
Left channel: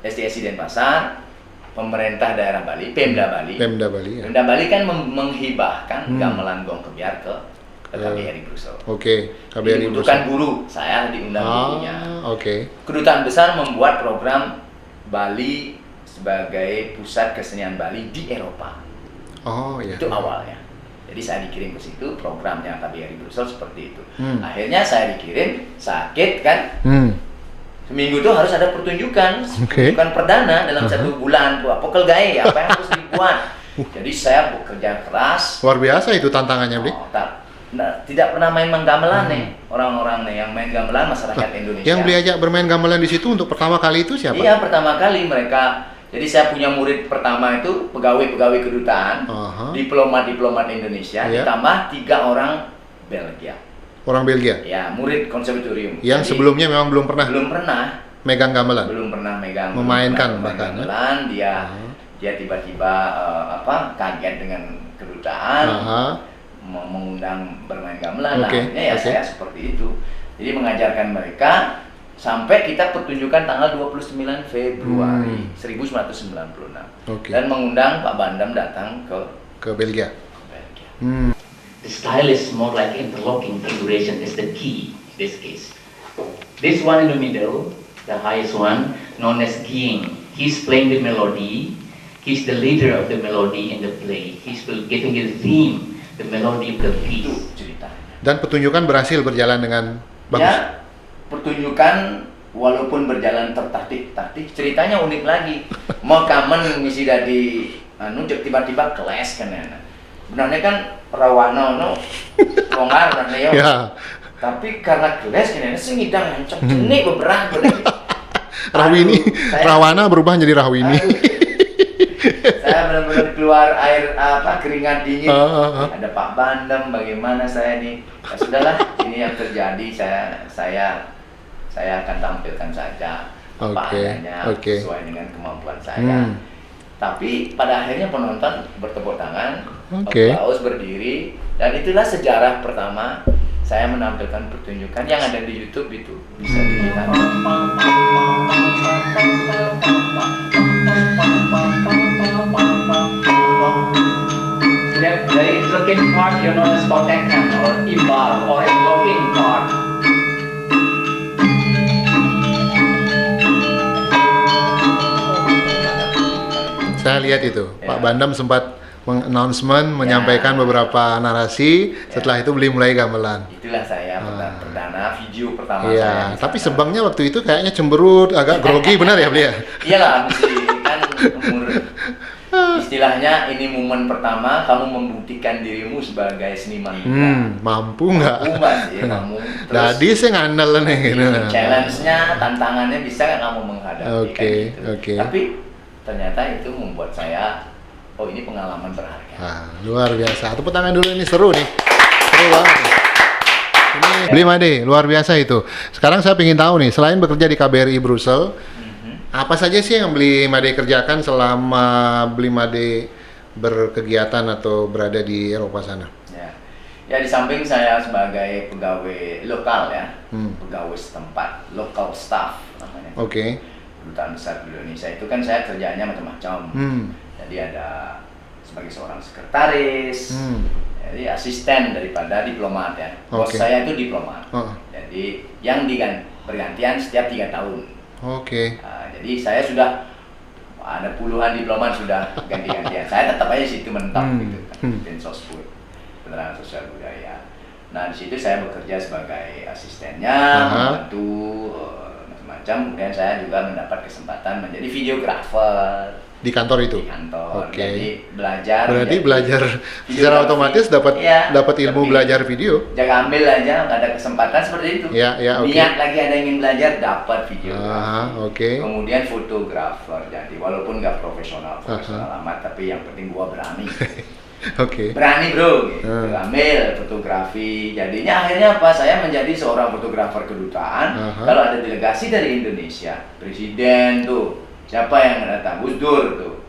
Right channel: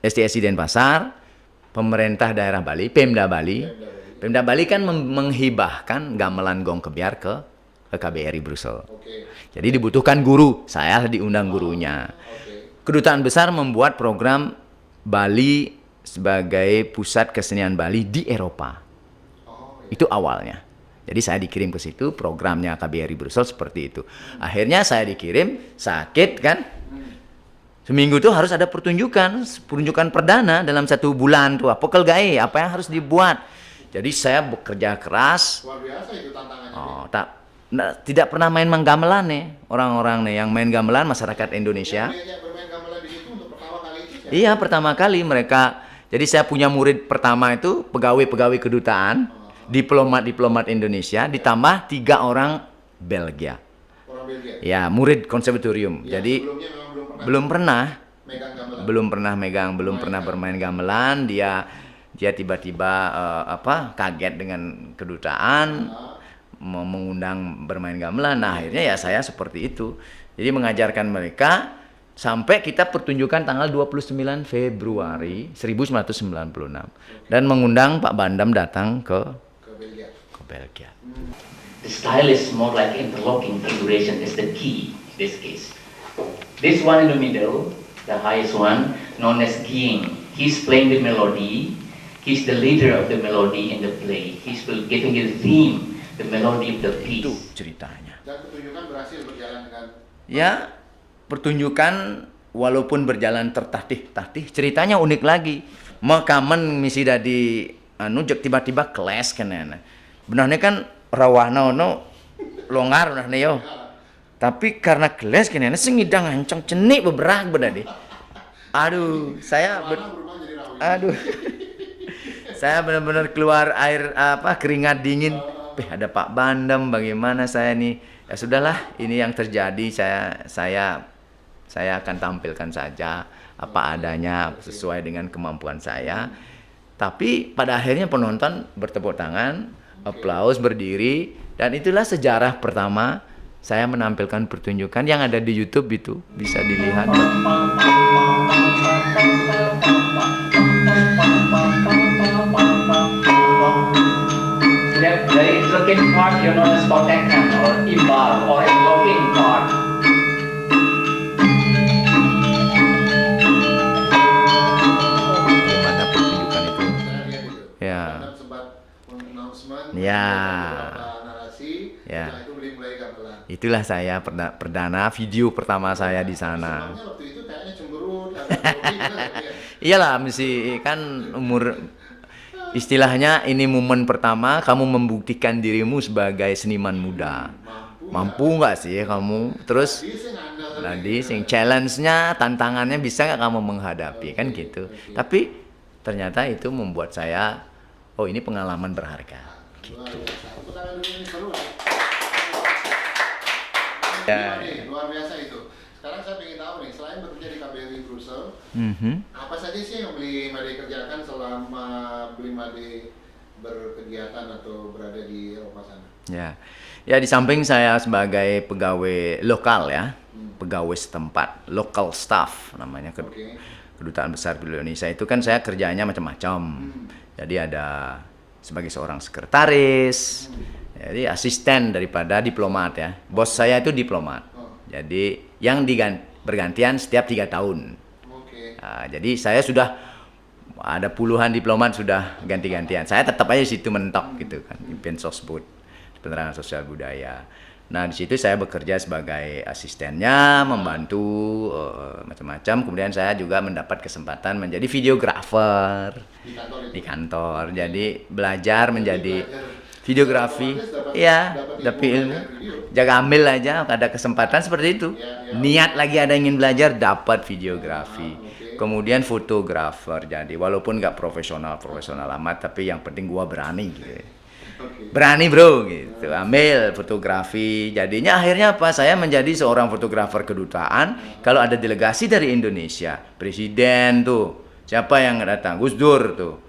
STSI Denpasar, pemerintah daerah Bali, Pemda Bali. Pemda Bali kan menghibahkan gamelan gong kebiar ke KBRI Brussel. Jadi dibutuhkan guru, saya diundang gurunya. Kedutaan besar membuat program Bali sebagai pusat kesenian Bali di Eropa. Itu awalnya. Jadi saya dikirim ke situ, programnya KBRI Brussel seperti itu. Akhirnya saya dikirim, sakit kan. Seminggu itu harus ada pertunjukan perdana dalam 1 bulan tuh. Pokel gae, apa yang harus dibuat. Jadi saya bekerja keras. Luar biasa itu tantangannya, Bli. Tidak pernah main gamelan nih. Orang-orang nih yang main gamelan masyarakat Indonesia. Yang Bli ajak bermain gamelan di situ untuk pertama kali itu siapa? Iya, pertama kali mereka. Jadi saya punya murid pertama itu pegawai-pegawai kedutaan, diplomat-diplomat Indonesia, ditambah 3 orang Belgia. Orang Belgia? Ya, murid konservatorium. Yang sebelumnya memang belum pernah? Belum pernah. megang gamelan. Belum pernah megang, memainkan main gamelan. Dia tiba-tiba kaget dengan kedutaan, mau mengundang bermain gamelan. Nah, akhirnya ya saya seperti itu. Jadi mengajarkan mereka sampai kita pertunjukan tanggal 29 Februari 1996. Dan mengundang Pak Bandam datang ke Belgia. The style is more like interlocking figuration is the key in this case. This one in the middle, the highest one, known as Ging. He's playing the melody. He's the leader of the melody in the play. He's giving the theme, the melody of the piece. Ceritanya. Dan pertunjukan berhasil berjalan dengan bagus. Ya, pertunjukan walaupun berjalan tertatih-tatih, ceritanya unik lagi. Mau kamen misi dari tiba-tiba kelas kan ya. Benarnya kan rawana longgar dan neo. Ya. Tapi karena kelas kan ya, sengidang hancang jenik beberapa benar. Rahwini, rawana berubah menjadi Rahwini. Saya benar-benar keluar air keringat dingin. Ada Pak Bandam, bagaimana saya nih? Ya sudahlah, ini yang terjadi. Saya akan tampilkan saja apa adanya sesuai dengan kemampuan saya. Tapi pada akhirnya penonton bertepuk tangan, aplaus, berdiri, dan itulah sejarah pertama saya menampilkan pertunjukan yang ada di YouTube itu bisa dilihat. The interlocking part you know as kotekan or imbal or interlocking part. Saya lihat itu, Pak Bandam sempat announcement, menyampaikan beberapa narasi. Setelah itu beli mulai gamelan. Itulah saya perdana video pertama saya di sana. Tapi sebangnya waktu itu kayaknya cemberut, agak grogi, benar ya beli ya? Iyalah, mesti kan umur. Istilahnya ini momen pertama kamu membuktikan dirimu sebagai seniman muda. Mampu nggak sih kamu? Terus jadi saya ngandel nih. Challenge-nya, tantangannya bisa nggak kamu menghadapi kan gitu. Tapi ternyata itu membuat saya, ini pengalaman berharga. Luar biasa. Tepuk tangan dulu, ini seru nih. Seru banget. Ini Bli Made, luar biasa itu. Sekarang saya ingin tahu nih, selain bekerja di KBRI Brussels, apa saja sih yang Bli Made kerjakan selama Bli Made berkegiatan atau berada di Eropa sana? Ya di samping saya sebagai pegawai lokal ya, pegawai setempat, local staff namanya. Kedutaan Besar di Indonesia itu kan saya kerjanya macam-macam. Jadi ada sebagai seorang sekretaris, jadi asisten daripada diplomat ya. Bos saya itu diplomat. Jadi yang bergantian setiap 3 tahun. Jadi saya sudah ada puluhan diplomat sudah ganti-gantian. Saya tetap aja situ mentok gitu kan. Pensosbud, penerangan sosial budaya. Nah di situ saya bekerja sebagai asistennya, membantu macam-macam. Kemudian saya juga mendapat kesempatan menjadi videografer. Di kantor itu? Di kantor, jadi belajar. Berarti belajar secara otomatis dapat ilmu belajar video? Jangan ambil aja, ada kesempatan seperti itu. Niat lagi ada ingin belajar, dapat videografi. Kemudian fotografer, jadi walaupun nggak profesional amat, tapi yang penting gua berani. Berani bro, gitu. Ambil fotografi. Jadinya akhirnya apa? Saya menjadi seorang fotografer kedutaan. Kalau ada delegasi dari Indonesia, presiden tuh. Siapa yang datang? Gus Dur tuh,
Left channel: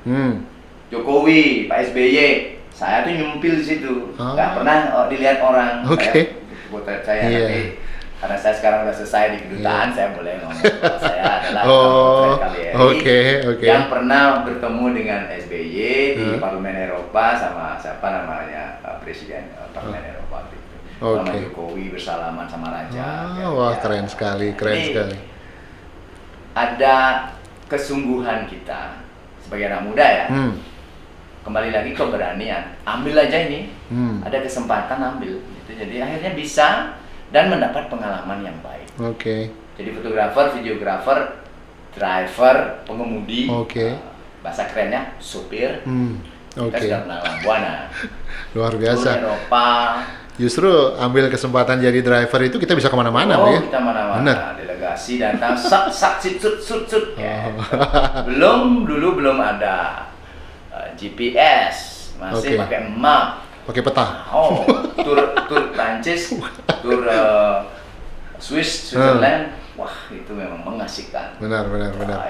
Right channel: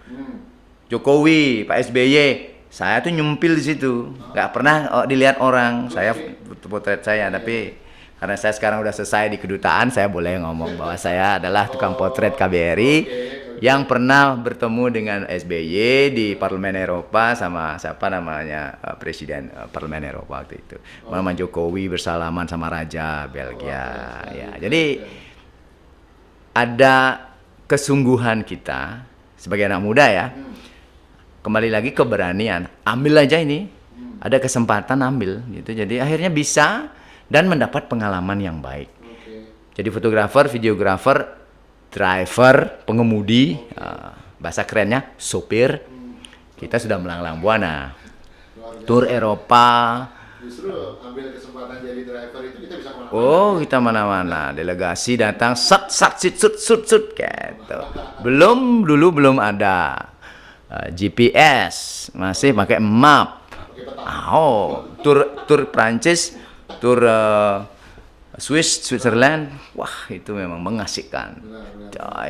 Jokowi, Pak SBY, saya tuh nyumpil di situ, nggak pernah dilihat orang. Saya potret saya, tapi karena saya sekarang udah selesai di kedutaan, saya boleh ngomong bahwa saya adalah tukang potret KBRI yang pernah bertemu dengan SBY di Parlemen Eropa sama siapa namanya Presiden Parlemen Eropa waktu itu, nama Jokowi bersalaman sama Raja. Keren sekali, keren sekali. Ada kesungguhan kita sebagai anak muda ya, kembali lagi keberanian, ambil aja ini, ada kesempatan ambil gitu. Jadi akhirnya bisa dan mendapat pengalaman yang baik. Jadi fotografer, videografer, driver, pengemudi, bahasa kerennya sopir, kita sudah melanglang buana. Luar biasa. Tur Eropa. Justru ambil kesempatan jadi driver itu kita bisa kemana-mana. Kita mana-mana. Delegasi datang, sut. Dulu belum ada GPS, masih pakai map, pakai peta. Tur Prancis, tur Switzerland, wah itu memang mengasihkan. Benar.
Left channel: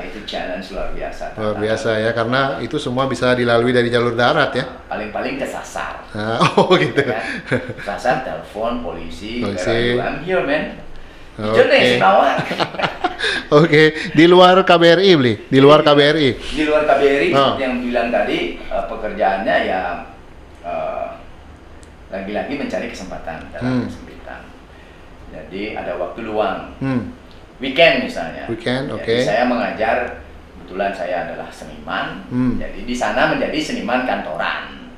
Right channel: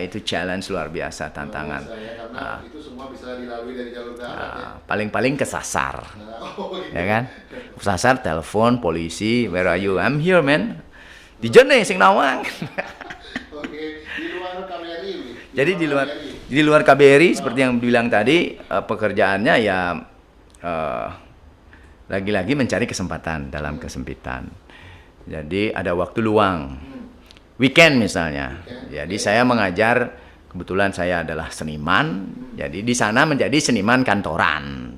Itu challenge luar biasa. Luar biasa ya, karena itu semua bisa dilalui dari jalur darat ya. Paling-paling kesasar. Oh gitu. Ya kan? Kesasar, telepon polisi, where are you? I'm here man. Di Jene sing nawang. Oke, di luar KBRI beli, di luar KBRI. Di luar KBRI seperti yang bilang tadi, pekerjaannya ya lagi-lagi mencari kesempatan dalam kesempitan. Jadi ada waktu luang. Weekend misalnya. Jadi saya mengajar, kebetulan saya adalah seniman. Jadi di sana menjadi seniman kantoran.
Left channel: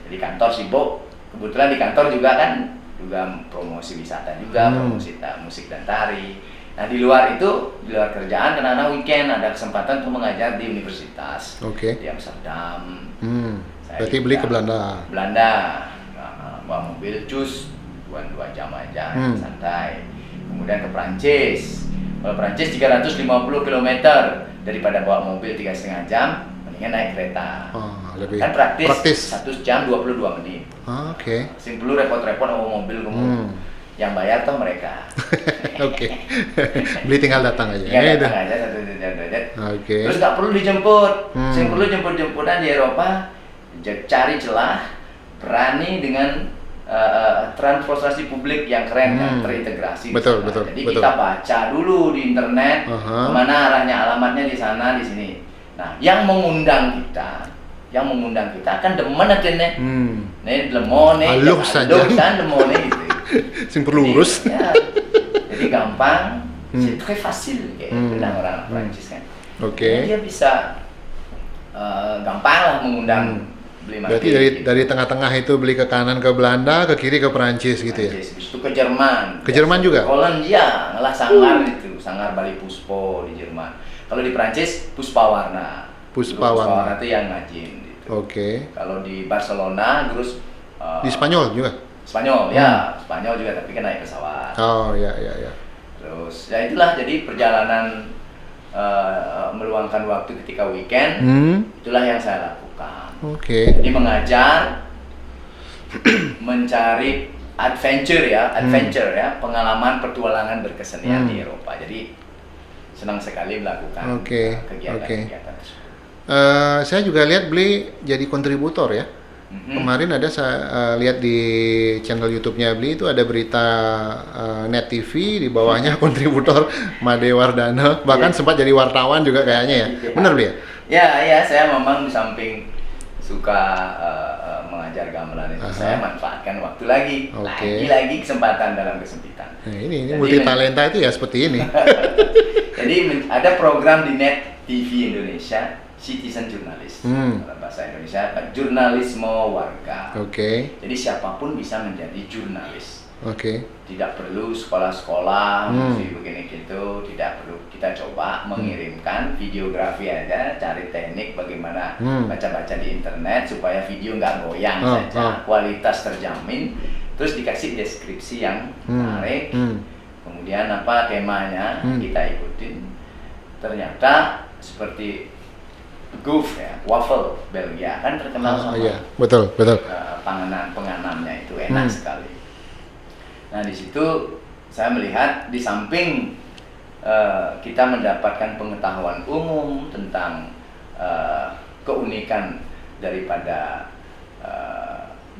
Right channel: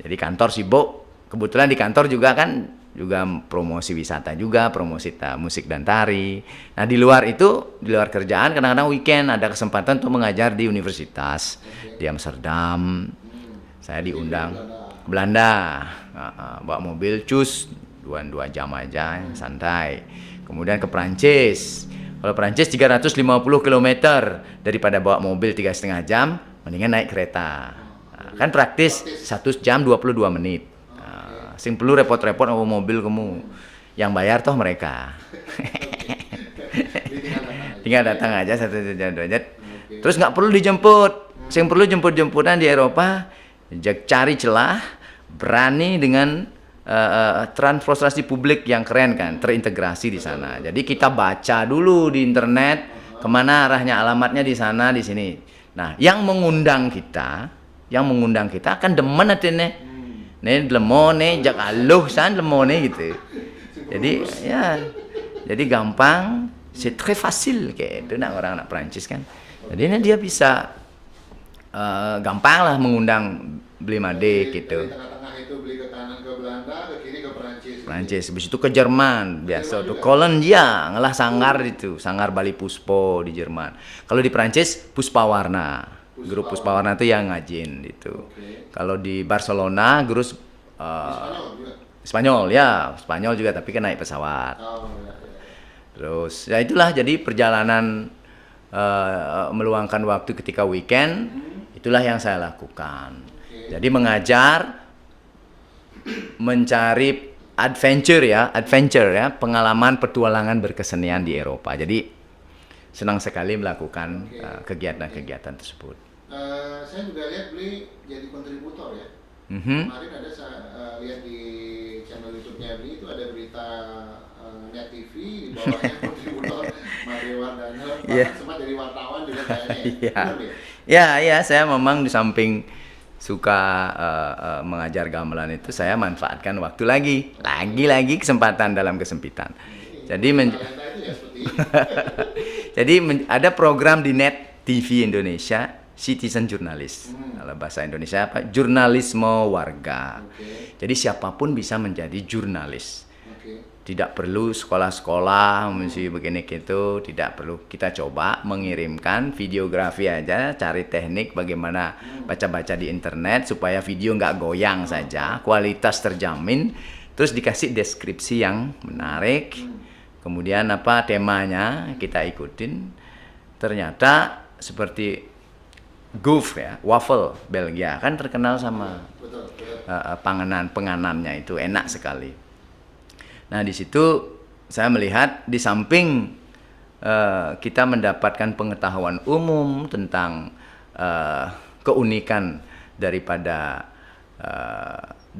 Jadi kantor sibuk. Kebetulan di kantor juga kan juga promosi wisata juga, promosi musik dan tari. Nah di luar itu, di luar kerjaan kadang-kadang weekend ada kesempatan untuk mengajar di universitas di Amsterdam. Saya berarti beli ke Belanda, bawa mobil cus 2 jam aja, santai. Kemudian ke Prancis. Kalau Prancis 350 km, daripada bawa mobil 3,5 jam, mendingan naik kereta. Kan praktis 1 jam 22 menit. Sing perlu repot-repot sama mobil kamu. Yang bayar toh mereka. Beli tinggal datang aja. Tinggal datang aja 1 jam 2 jam. Terus nggak perlu dijemput. Sing perlu jemput-jemputan di Eropa, cari celah, berani dengan transportasi publik yang keren kan, terintegrasi di sana. Jadi kita baca dulu di internet kemana arahnya, alamatnya di sana, di sini. Nah, yang mengundang kita kan demen atene. Nih lemone, jalan lemone gitu. Sing perlu urus. Ya. Jadi gampang, c'est très facile kayak itu orang-orang Prancis kan. Jadi dia bisa gampang lah mengundang beli made. Jadi dari tengah-tengah itu beli ke kanan ke Belanda, ke kiri ke Perancis gitu ya. Habis itu ke Jerman. Ke Jerman juga. Polandia, ngalah Sanggar itu, Sanggar Bali Puspo di Jerman. Kalau di Perancis Puspawarna. Puspawarna itu yang ngajin gitu. Kalau di Barcelona, terus di Spanyol juga. Spanyol ya, Spanyol juga tapi kan naik pesawat. Ya. Terus ya itulah jadi perjalanan meluangkan waktu ketika weekend, itulah yang saya lakukan. Jadi mengajar, mencari adventure ya, pengalaman petualangan berkesenian di Eropa. Jadi senang sekali melakukan kegiatan-kegiatan tersebut. Saya juga lihat Bli jadi kontributor ya. Kemarin ada saya lihat di channel YouTube-nya Bli itu ada berita Net TV, di bawahnya kontributor Made Wardana, bahkan sempat jadi wartawan juga kayaknya ya. Benar Bli ya? Ya, saya memang di samping suka mengajar gamelan itu, saya manfaatkan waktu lagi kesempatan dalam kesempitan. Ini jadi talenta itu ya seperti ini. Jadi ada program di Net TV Indonesia, Citizen Journalist, kalau bahasa Indonesia apa? Jurnalisme warga. Jadi siapapun bisa menjadi jurnalis. Tidak perlu sekolah-sekolah, mesti begini gitu, tidak perlu. Kita coba mengirimkan videografi aja, cari teknik bagaimana baca-baca di internet supaya video nggak goyang saja, kualitas terjamin. Terus dikasih deskripsi yang menarik, kemudian apa temanya kita ikutin. Ternyata seperti Goof ya, waffle Belgia kan terkenal sama betul. penganannya itu enak sekali. Nah di situ saya melihat di samping kita mendapatkan pengetahuan umum tentang keunikan daripada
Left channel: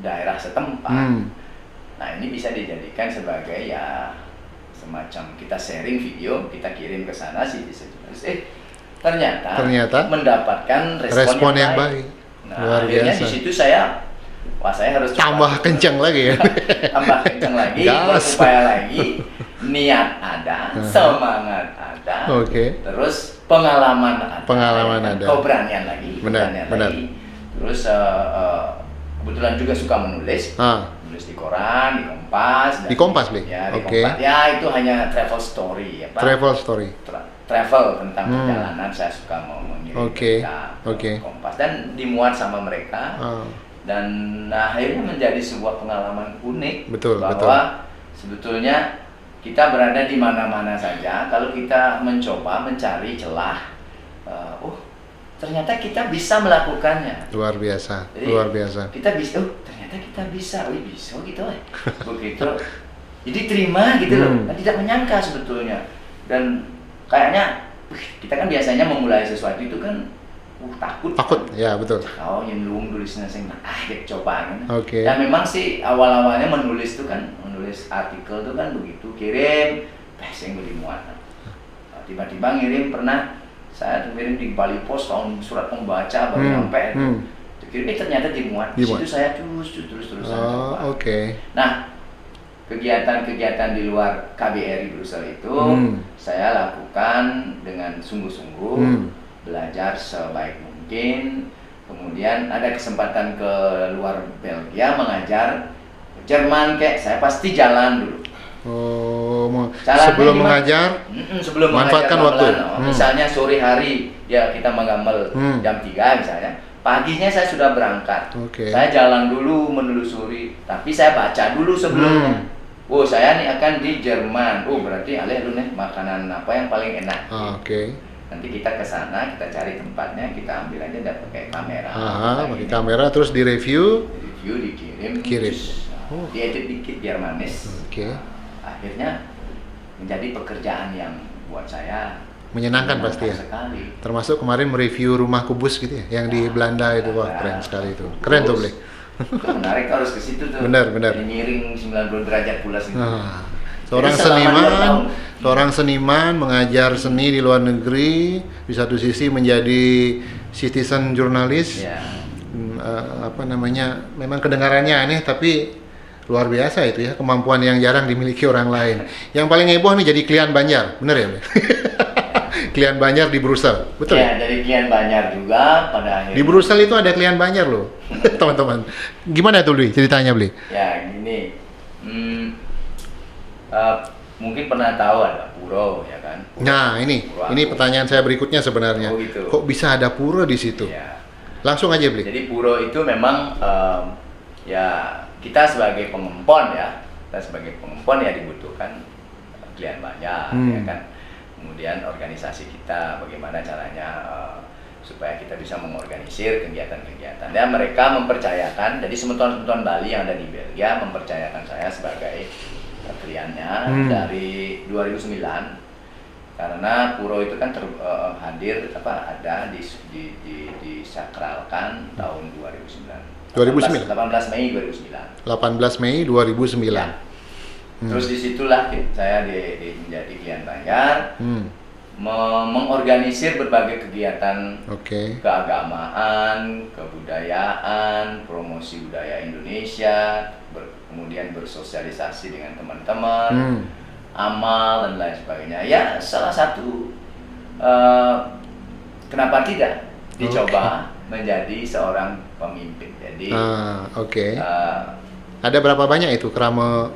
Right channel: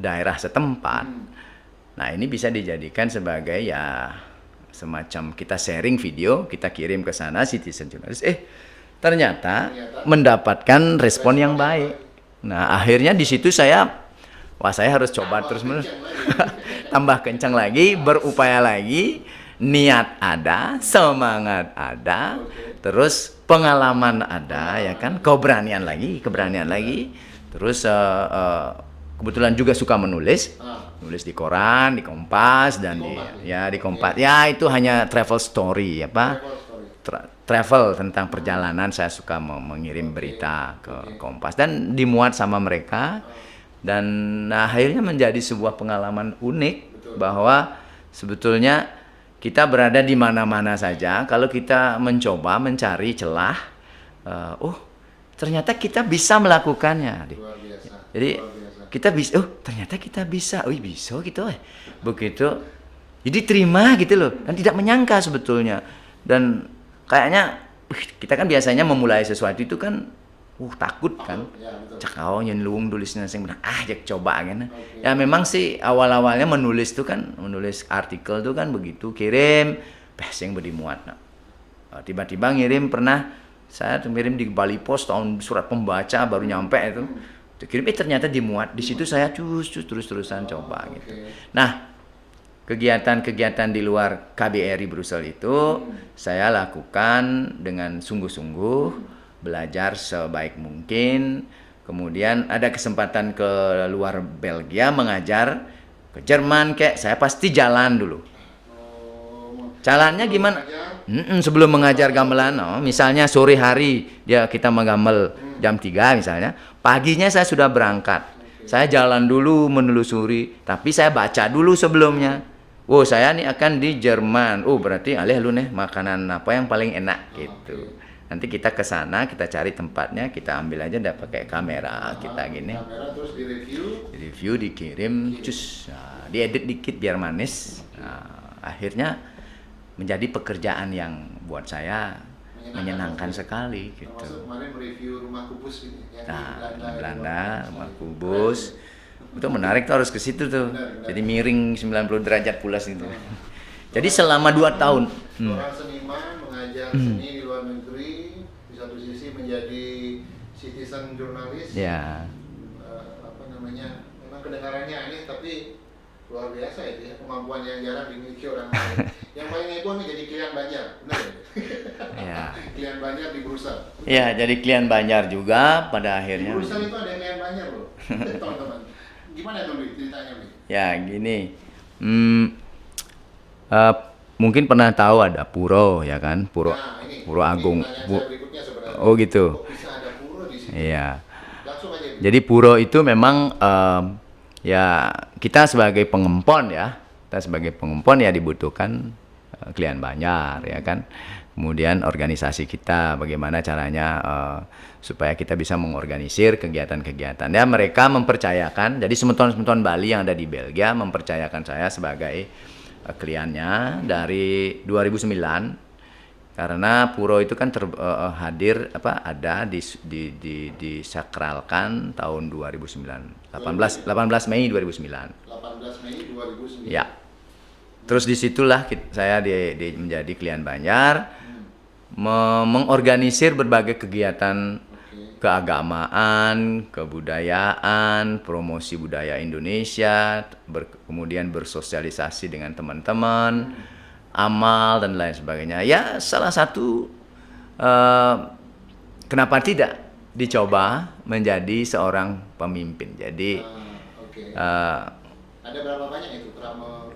daerah setempat. Nah ini bisa dijadikan sebagai ya semacam kita sharing video, kita kirim ke sana Citizen Journalist. Ternyata mendapatkan respon yang baik. Nah, akhirnya di situ saya harus coba tambah kencang lagi ya. Tambah kencang lagi, berupaya lagi, niat ada, semangat ada, terus pengalaman ada, keberanian lagi, lagi. Terus kebetulan juga suka menulis, nulis di koran, di Kompas, di Kompas, di Kompas. Ya itu hanya travel story, travel tentang perjalanan. Saya suka mau mengirim berita ke Kompas dan dimuat sama mereka. Dan akhirnya menjadi sebuah pengalaman unik bahwa sebetulnya kita berada di mana-mana saja kalau kita mencoba mencari celah. Ternyata kita bisa melakukannya. Luar biasa. Jadi, kita bisa. Ternyata kita bisa. Bisa gitu. Begitu. Jadi terima gitu loh, kan tidak menyangka sebetulnya. Dan kayaknya kita kan biasanya memulai sesuatu itu kan takut kan? Ya betul. Cakau nyenlung tulisnya sing ya coba kan. Oke. Ya memang sih awal-awalnya menulis artikel tuh kan begitu, kirim sing dimuat. Tiba-tiba ngirim, pernah saya ngirim di Bali Post surat pembaca baru nyampe itu. Kirimnya ternyata dimuat. Di situ saya terus-terusan coba. Oke. Nah, kegiatan-kegiatan di luar KBRI Brussels itu saya lakukan dengan sungguh-sungguh, belajar sebaik mungkin. Kemudian ada kesempatan ke luar Belgia mengajar, ke Jerman saya pasti jalan dulu. Sebelum mengajar? Sebelum mengajar gamelan. Misalnya sore hari kita menggamel jam 3 misalnya. Paginya saya sudah berangkat. Saya jalan dulu menelusuri, tapi saya baca dulu sebelumnya. Saya nih akan di Jerman. Berarti alih lu nih makanan apa yang paling enak. Nanti kita ke sana, kita cari tempatnya, kita ambil aja pakai kamera. Pakai kamera terus direview, dikirim. Diedit dikit biar manis. Akhirnya menjadi pekerjaan yang buat saya menyenangkan pasti ya. Sekali. Termasuk kemarin mereview rumah kubus gitu ya, yang di Belanda itu, keren sekali itu. Keren tuh, Ble. Itu menarik, harus ke situ tuh. Benar. Jadi miring 90 derajat pula sih. Seorang seniman mengajar seni di luar negeri, di satu sisi menjadi citizen jurnalis. Memang kedengarannya aneh tapi luar biasa itu ya, kemampuan yang jarang dimiliki orang lain. Yang paling heboh nih jadi klien Banjar, bener ya? Klien Banjar di Brussels, betul? Ya, jadi klien Banjar juga pada akhirnya. Di Brussels itu ada klien Banjar loh, teman-teman. Gimana tuh, Bli? Ceritanya, Bli? Ya, gini. Mungkin pernah tahu ada puro, ya kan? Puro. Nah, ini pertanyaan saya berikutnya sebenarnya. Oh gitu. Kok bisa ada puro di situ? Iya. Langsung aja, Bli. Jadi puro itu memang kita sebagai pengempon ya dibutuhkan klien banyak, ya kan? Kemudian organisasi kita bagaimana caranya supaya kita bisa mengorganisir kegiatan-kegiatan. Ya, mereka mempercayakan, jadi semeton-semeton Bali yang ada di Belgia mempercayakan saya sebagai kliennya dari 2009. Karena puro itu kan ada disakralkan tahun 2009. 18 Mei 2009. 18 Mei 2009. Ya. Terus disitulah saya menjadi klien Banjar, mengorganisir berbagai kegiatan keagamaan, kebudayaan, promosi budaya Indonesia, kemudian bersosialisasi dengan teman-teman, amal dan lain sebagainya. Ya, salah satu kenapa tidak dicoba menjadi seorang pemimpin. Jadi ada berapa banyak itu keramo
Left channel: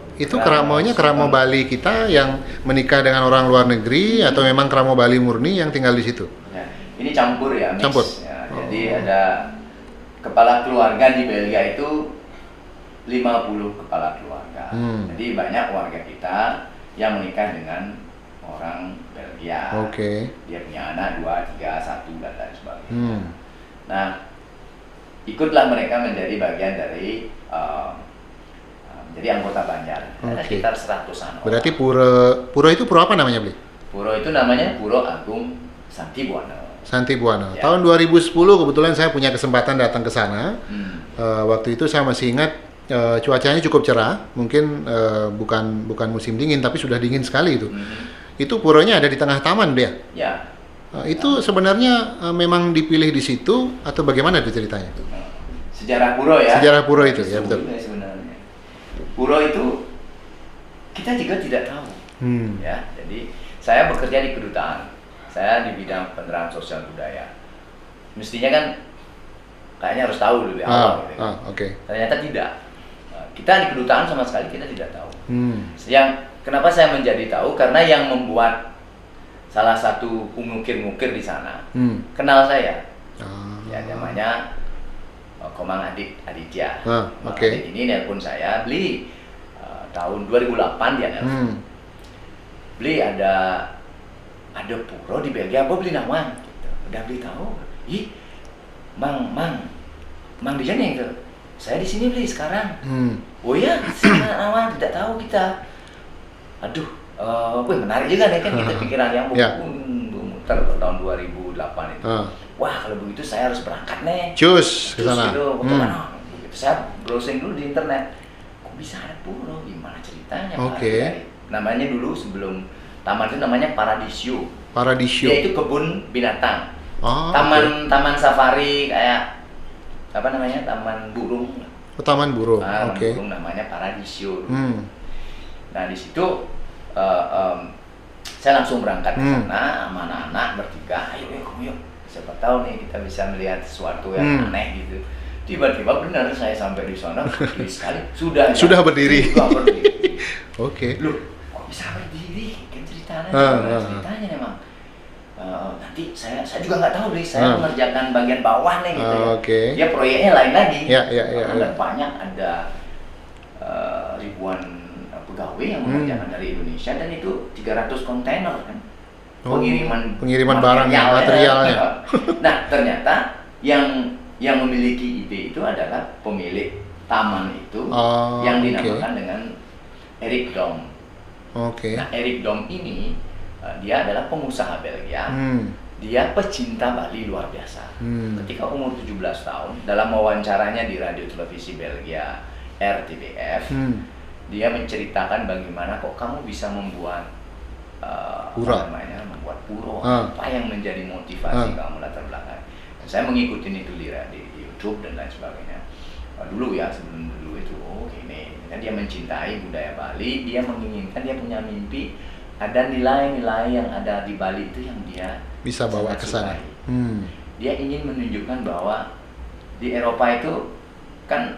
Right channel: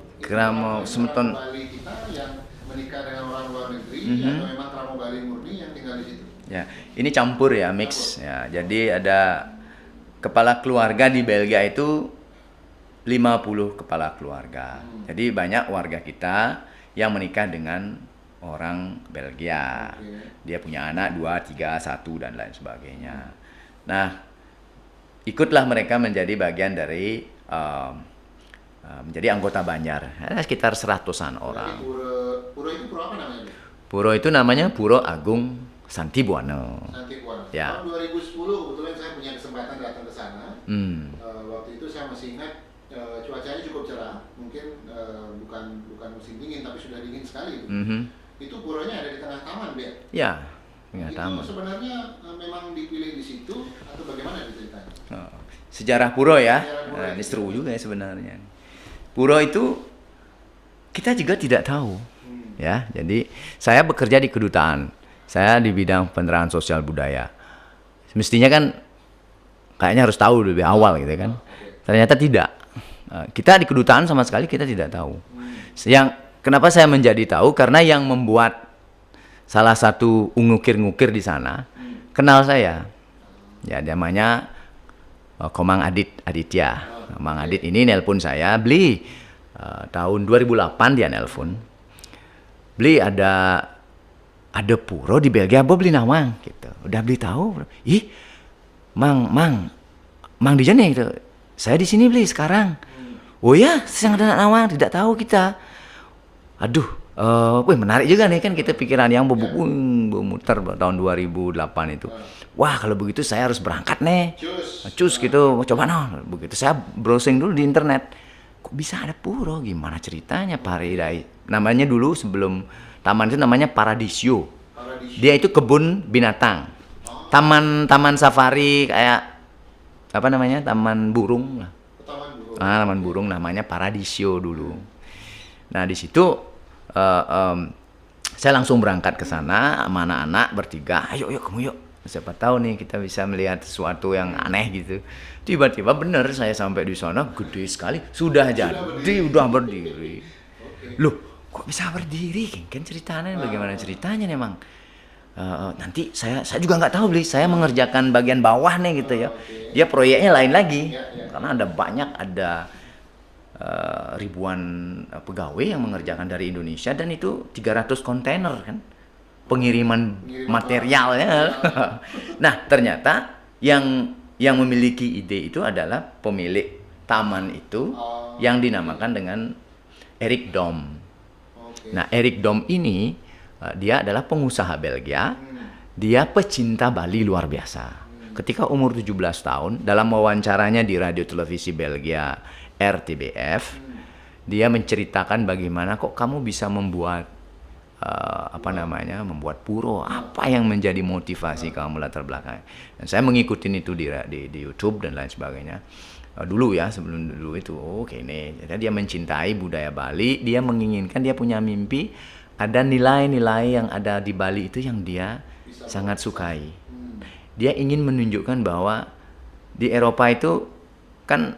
Bali kita yang menikah dengan orang luar negeri atau memang keramo Bali murni yang tinggal di situ? Ya, ini campur ya, mix. Campur. Ya, jadi ada kepala keluarga di Belgia itu 50 kepala keluarga. Jadi banyak warga kita yang menikah dengan orang Belgia. Dia punya anak 2, 3, 1 dan lain sebagainya. Nah, ikutlah mereka menjadi bagian dari menjadi anggota Banjar, sekitar 100-an orang. Berarti puro itu puro apa namanya, Bli? Puro itu namanya Puro Agung Santi Buana. Ya. Tahun 2010 kebetulan saya punya kesempatan datang ke sana. Waktu itu saya masih ingat cuacanya cukup cerah, mungkin bukan musim dingin tapi sudah dingin sekali itu. Itu puronya ada di tengah taman, dia. Ya. Itu sebenarnya memang dipilih di situ atau bagaimana itu ceritanya? Sejarah puro ya. Sejarah puro itu ya, betul. Sebenarnya. Puro itu kita juga tidak tahu. Ya, jadi saya bekerja di kedutaan. Saya di bidang penerangan sosial budaya. Mestinya kan kayaknya harus tahu lebih awal gitu kan. Ternyata tidak. Kita di kedutaan sama sekali kita tidak tahu. Yang kenapa saya menjadi tahu karena yang membuat salah satu ngukir-ngukir di sana kenal saya. Ya, namanya Komang Aditya. Komang Adit ini nelpon saya, Bli, tahun 2008 dia nelpon. Bli, ada puro di Belgia, Bo beli nawang gitu. Udah beli tahu? Ih, Mang di sana itu. Saya di sini beli sekarang. Oh ya, saya nawang tidak tahu kita. aduh, wih menarik juga nih kan kita pikiran yang memutar tahun 2008 itu. Wah kalau begitu saya harus berangkat nih. Cus gitu. Coba begitu saya browsing dulu di internet. Kok bisa ada pura? Gimana ceritanya Pak Haryadi? Namanya dulu sebelum taman itu namanya Paradisio. Dia itu kebun binatang. Taman safari kayak apa namanya? Taman burung. Taman burung. Taman burung namanya Paradisio dulu. Nah di situ saya langsung berangkat ke sana sama anak-anak bertiga. Ayo kamu yuk. Siapa tahu nih kita bisa melihat sesuatu yang aneh gitu. Tiba-tiba benar saya sampai di sana gede sekali. Sudah berdiri. Oke. Loh, kok bisa berdiri? Kan ceritanya ceritanya memang. Nanti saya juga nggak tahu saya mengerjakan bagian bawah nih gitu ya. Ya proyeknya lain lagi. Ada banyak ribuan pegawai yang mengerjakan dari Indonesia dan itu 300 kontainer kan. Pengiriman materialnya. Nah, ternyata yang memiliki ide itu adalah pemilik taman itu yang dinamakan dengan Erik Dom. Nah, Erik Dom ini dia adalah pengusaha Belgia. Dia pecinta Bali luar biasa. Ketika umur 17 tahun, dalam wawancaranya di radio televisi Belgia RTBF, dia menceritakan bagaimana kok kamu bisa membuat membuat puro. Apa yang menjadi motivasi kamu latar belakang. Dan saya mengikuti itu di YouTube dan lain sebagainya. Dulu ya, sebelum dulu itu ini. Karena dia mencintai budaya Bali, dia menginginkan, dia punya mimpi ada nilai-nilai yang ada di Bali itu yang dia bisa sangat sukai. Dia ingin menunjukkan bahwa di Eropa itu kan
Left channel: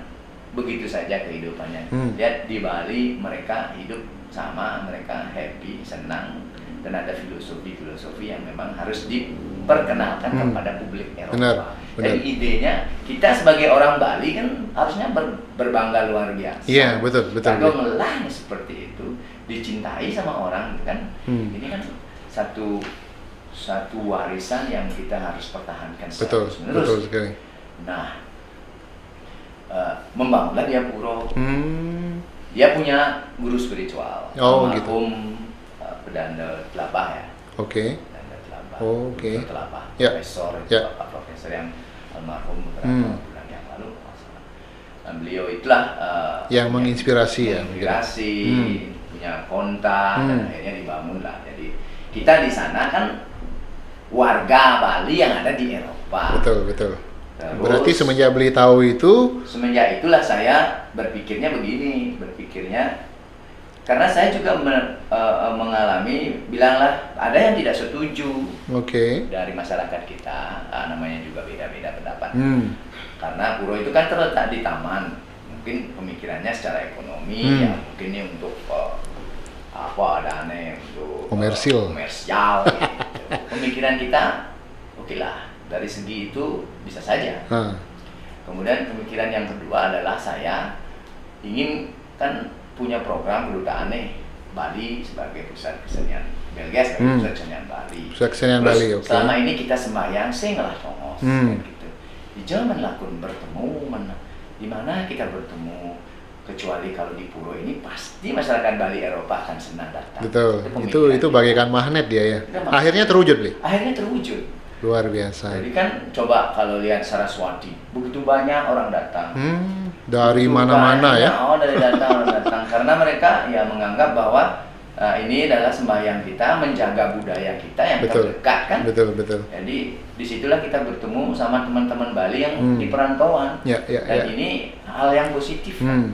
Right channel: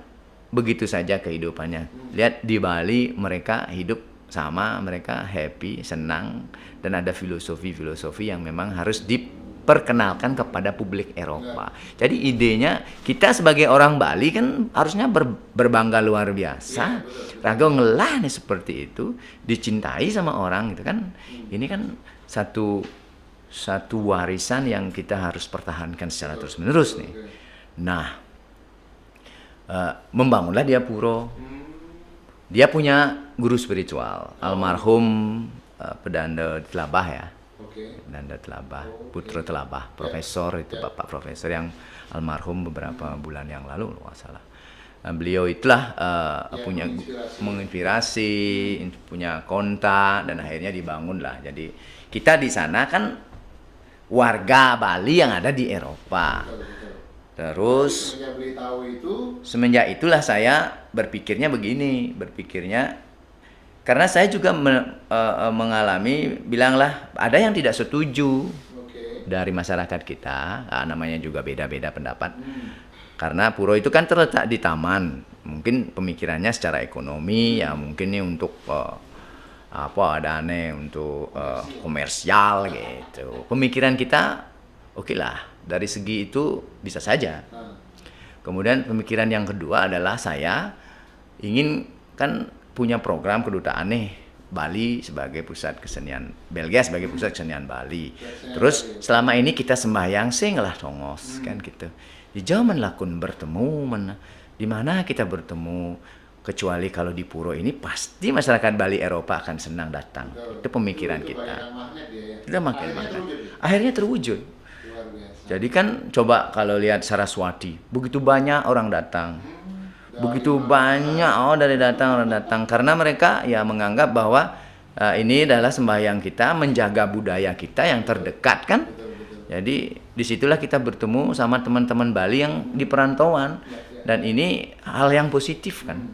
begitu saja kehidupannya. Lihat di Bali mereka hidup sama, mereka happy, senang, dan ada filosofi-filosofi yang memang harus diperkenalkan kepada publik Eropa. Benar. Jadi idenya kita sebagai orang Bali kan harusnya berbangga luar biasa. Iya, betul. Kalau ngelah nih seperti itu, dicintai sama orang gitu kan. Ini kan satu warisan yang kita harus pertahankan secara terus-menerus. Nah, membangunlah dia puro. Dia punya guru spiritual, almarhum Pedanda Telabah ya. Pedanda Telabah, Putra Telabah, profesor itu Bapak Profesor yang almarhum beberapa bulan yang lalu masalah. Dan beliau itulah yang menginspirasi punya kontak dan akhirnya dibangunlah. Jadi kita di sana kan warga Bali yang ada di Eropa. Betul. Terus, berarti semenjak beli tahu itu? Semenjak itulah saya berpikirnya karena saya juga mengalami, bilanglah ada yang tidak setuju dari masyarakat kita, namanya juga beda-beda pendapat. Karena puro itu kan terletak di taman, mungkin pemikirannya secara ekonomi ya mungkin ini untuk untuk komersial gitu. Pemikiran kita lah. Dari segi itu bisa saja. Kemudian pemikiran yang kedua adalah saya ingin kan punya program kedutaan nih Bali sebagai pusat kesenian, Belgia sebagai pusat kesenian Bali. Terus selama ini kita sembahyang lah tongos kan gitu. Di zaman lakun bertemu di mana kita bertemu kecuali kalau di puro ini pasti masyarakat Bali Eropa akan senang datang. Betul. Itu bagaikan magnet dia ya. Akhirnya terwujud. Luar biasa. Jadi kan coba kalau lihat Saraswati, begitu banyak orang datang. Dari mana-mana ya. Orang datang karena mereka ya menganggap bahwa ini adalah sembahyang kita menjaga budaya kita yang terdekat kan. Betul. Jadi disitulah kita bertemu sama teman-teman Bali yang di perantauan. Dan ini hal yang positif kan.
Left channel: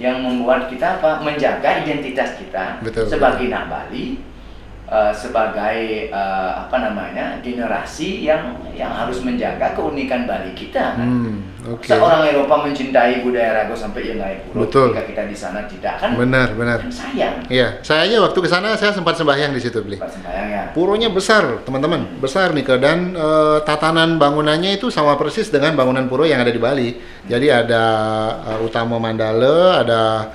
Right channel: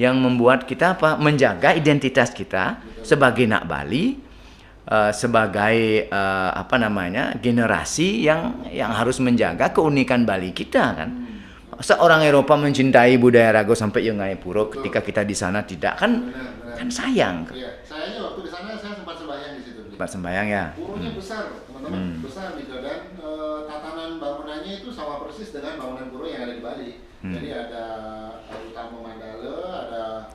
Yang membuat kita menjaga identitas kita sebagai nak Bali. Sebagai generasi yang harus menjaga keunikan Bali kita kan. Seorang Eropa mencintai budaya Rago sampai Yengai Puro ketika kita di sana tidak kan. Benar. Kan sayang. Iya, saya aja waktu ke sana saya sempat sembahyang di situ, Beli. Sempat sembahyang ya. Puronya besar, teman-teman. Besar nih dan tatanan bangunannya itu sama persis dengan bangunan puro yang ada di Bali. Jadi ada Utama Mandala, ada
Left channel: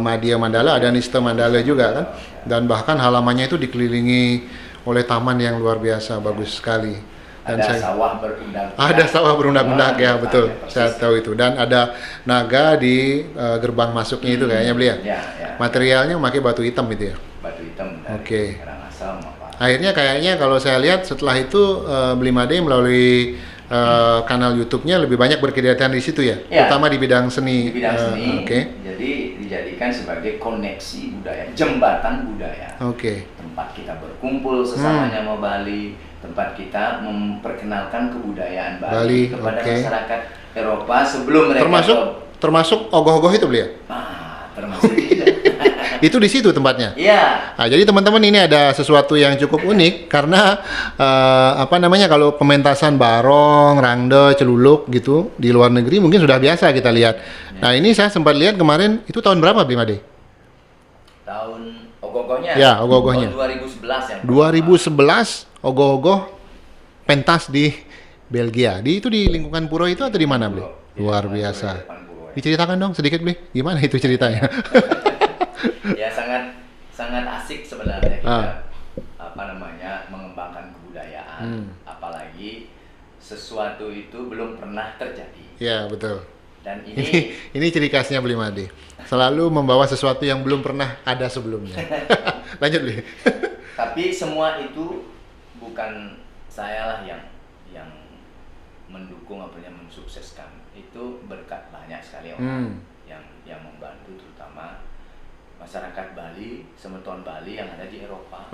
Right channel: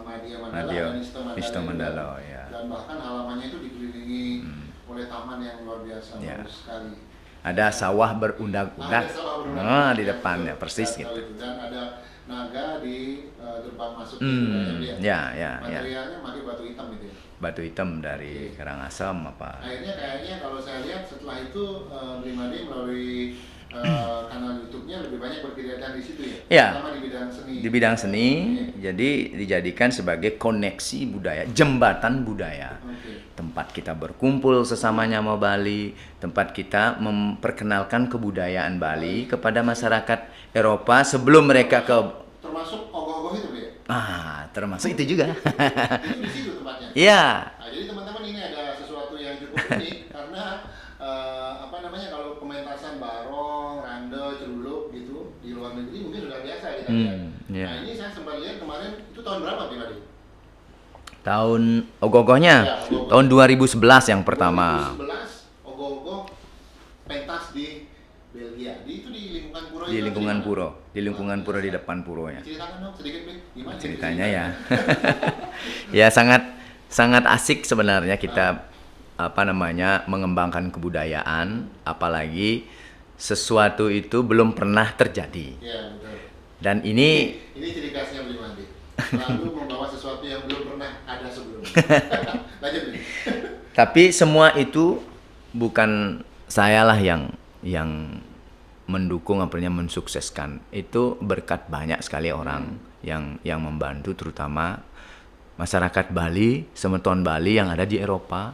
Madya Mandala, ada Nista Mandala juga kan. Dan bahkan halamannya itu dikelilingi oleh taman yang luar biasa, bagus sekali. Ada sawah berundak-undak. Ada sawah berundak-undak ya, betul. Persis. Saya tahu itu. Dan ada naga di gerbang masuknya itu kayaknya beli ya. Ya. Materialnya memakai batu hitam itu ya. Batu hitam dari Karangasem apa. Akhirnya kayaknya kalau saya lihat setelah itu Blimade melalui kanal YouTube-nya lebih banyak berkegiatan di situ ya, terutama di bidang seni. Di bidang seni. Jadi dijadikan sebagai koneksi budaya, jembatan budaya. Tempat kita berkumpul sesamanya mau Bali, tempat kita memperkenalkan kebudayaan Bali kepada masyarakat Eropa sebelum mereka termasuk ogoh-ogoh itu beliau. Termasuk itu juga. Itu di situ tempatnya. Iya. Nah, jadi teman-teman ini ada sesuatu yang cukup unik karena kalau pementasan barong, rangde, celuluk gitu di luar negeri mungkin sudah biasa kita lihat. Nah, ini saya sempat lihat kemarin itu tahun berapa Blimade? Tahun ogoh-ogohnya. Ya, ogoh-ogohnya. Tahun 2011 yang pertama. 2011 ogoh-ogoh pentas di Belgia. Itu di lingkungan pura itu atau di mana? Luar biasa. Di depan pura, ya. Diceritakan dong sedikit, Bli. Gimana itu ceritanya? Ya sangat asik sebenarnya kita mengembangkan kebudayaan, apalagi sesuatu itu belum pernah terjadi. Ya, betul. Dan ini ciri khasnya Blimade. Selalu membawa sesuatu yang belum pernah ada sebelumnya. Lanjut, Bli. Tapi semua itu bukan sayalah yang mendukung mensukseskan. Itu berkat banyak sekali orang yang membantu, terutama masyarakat Bali, semeton Bali yang ada di Eropa.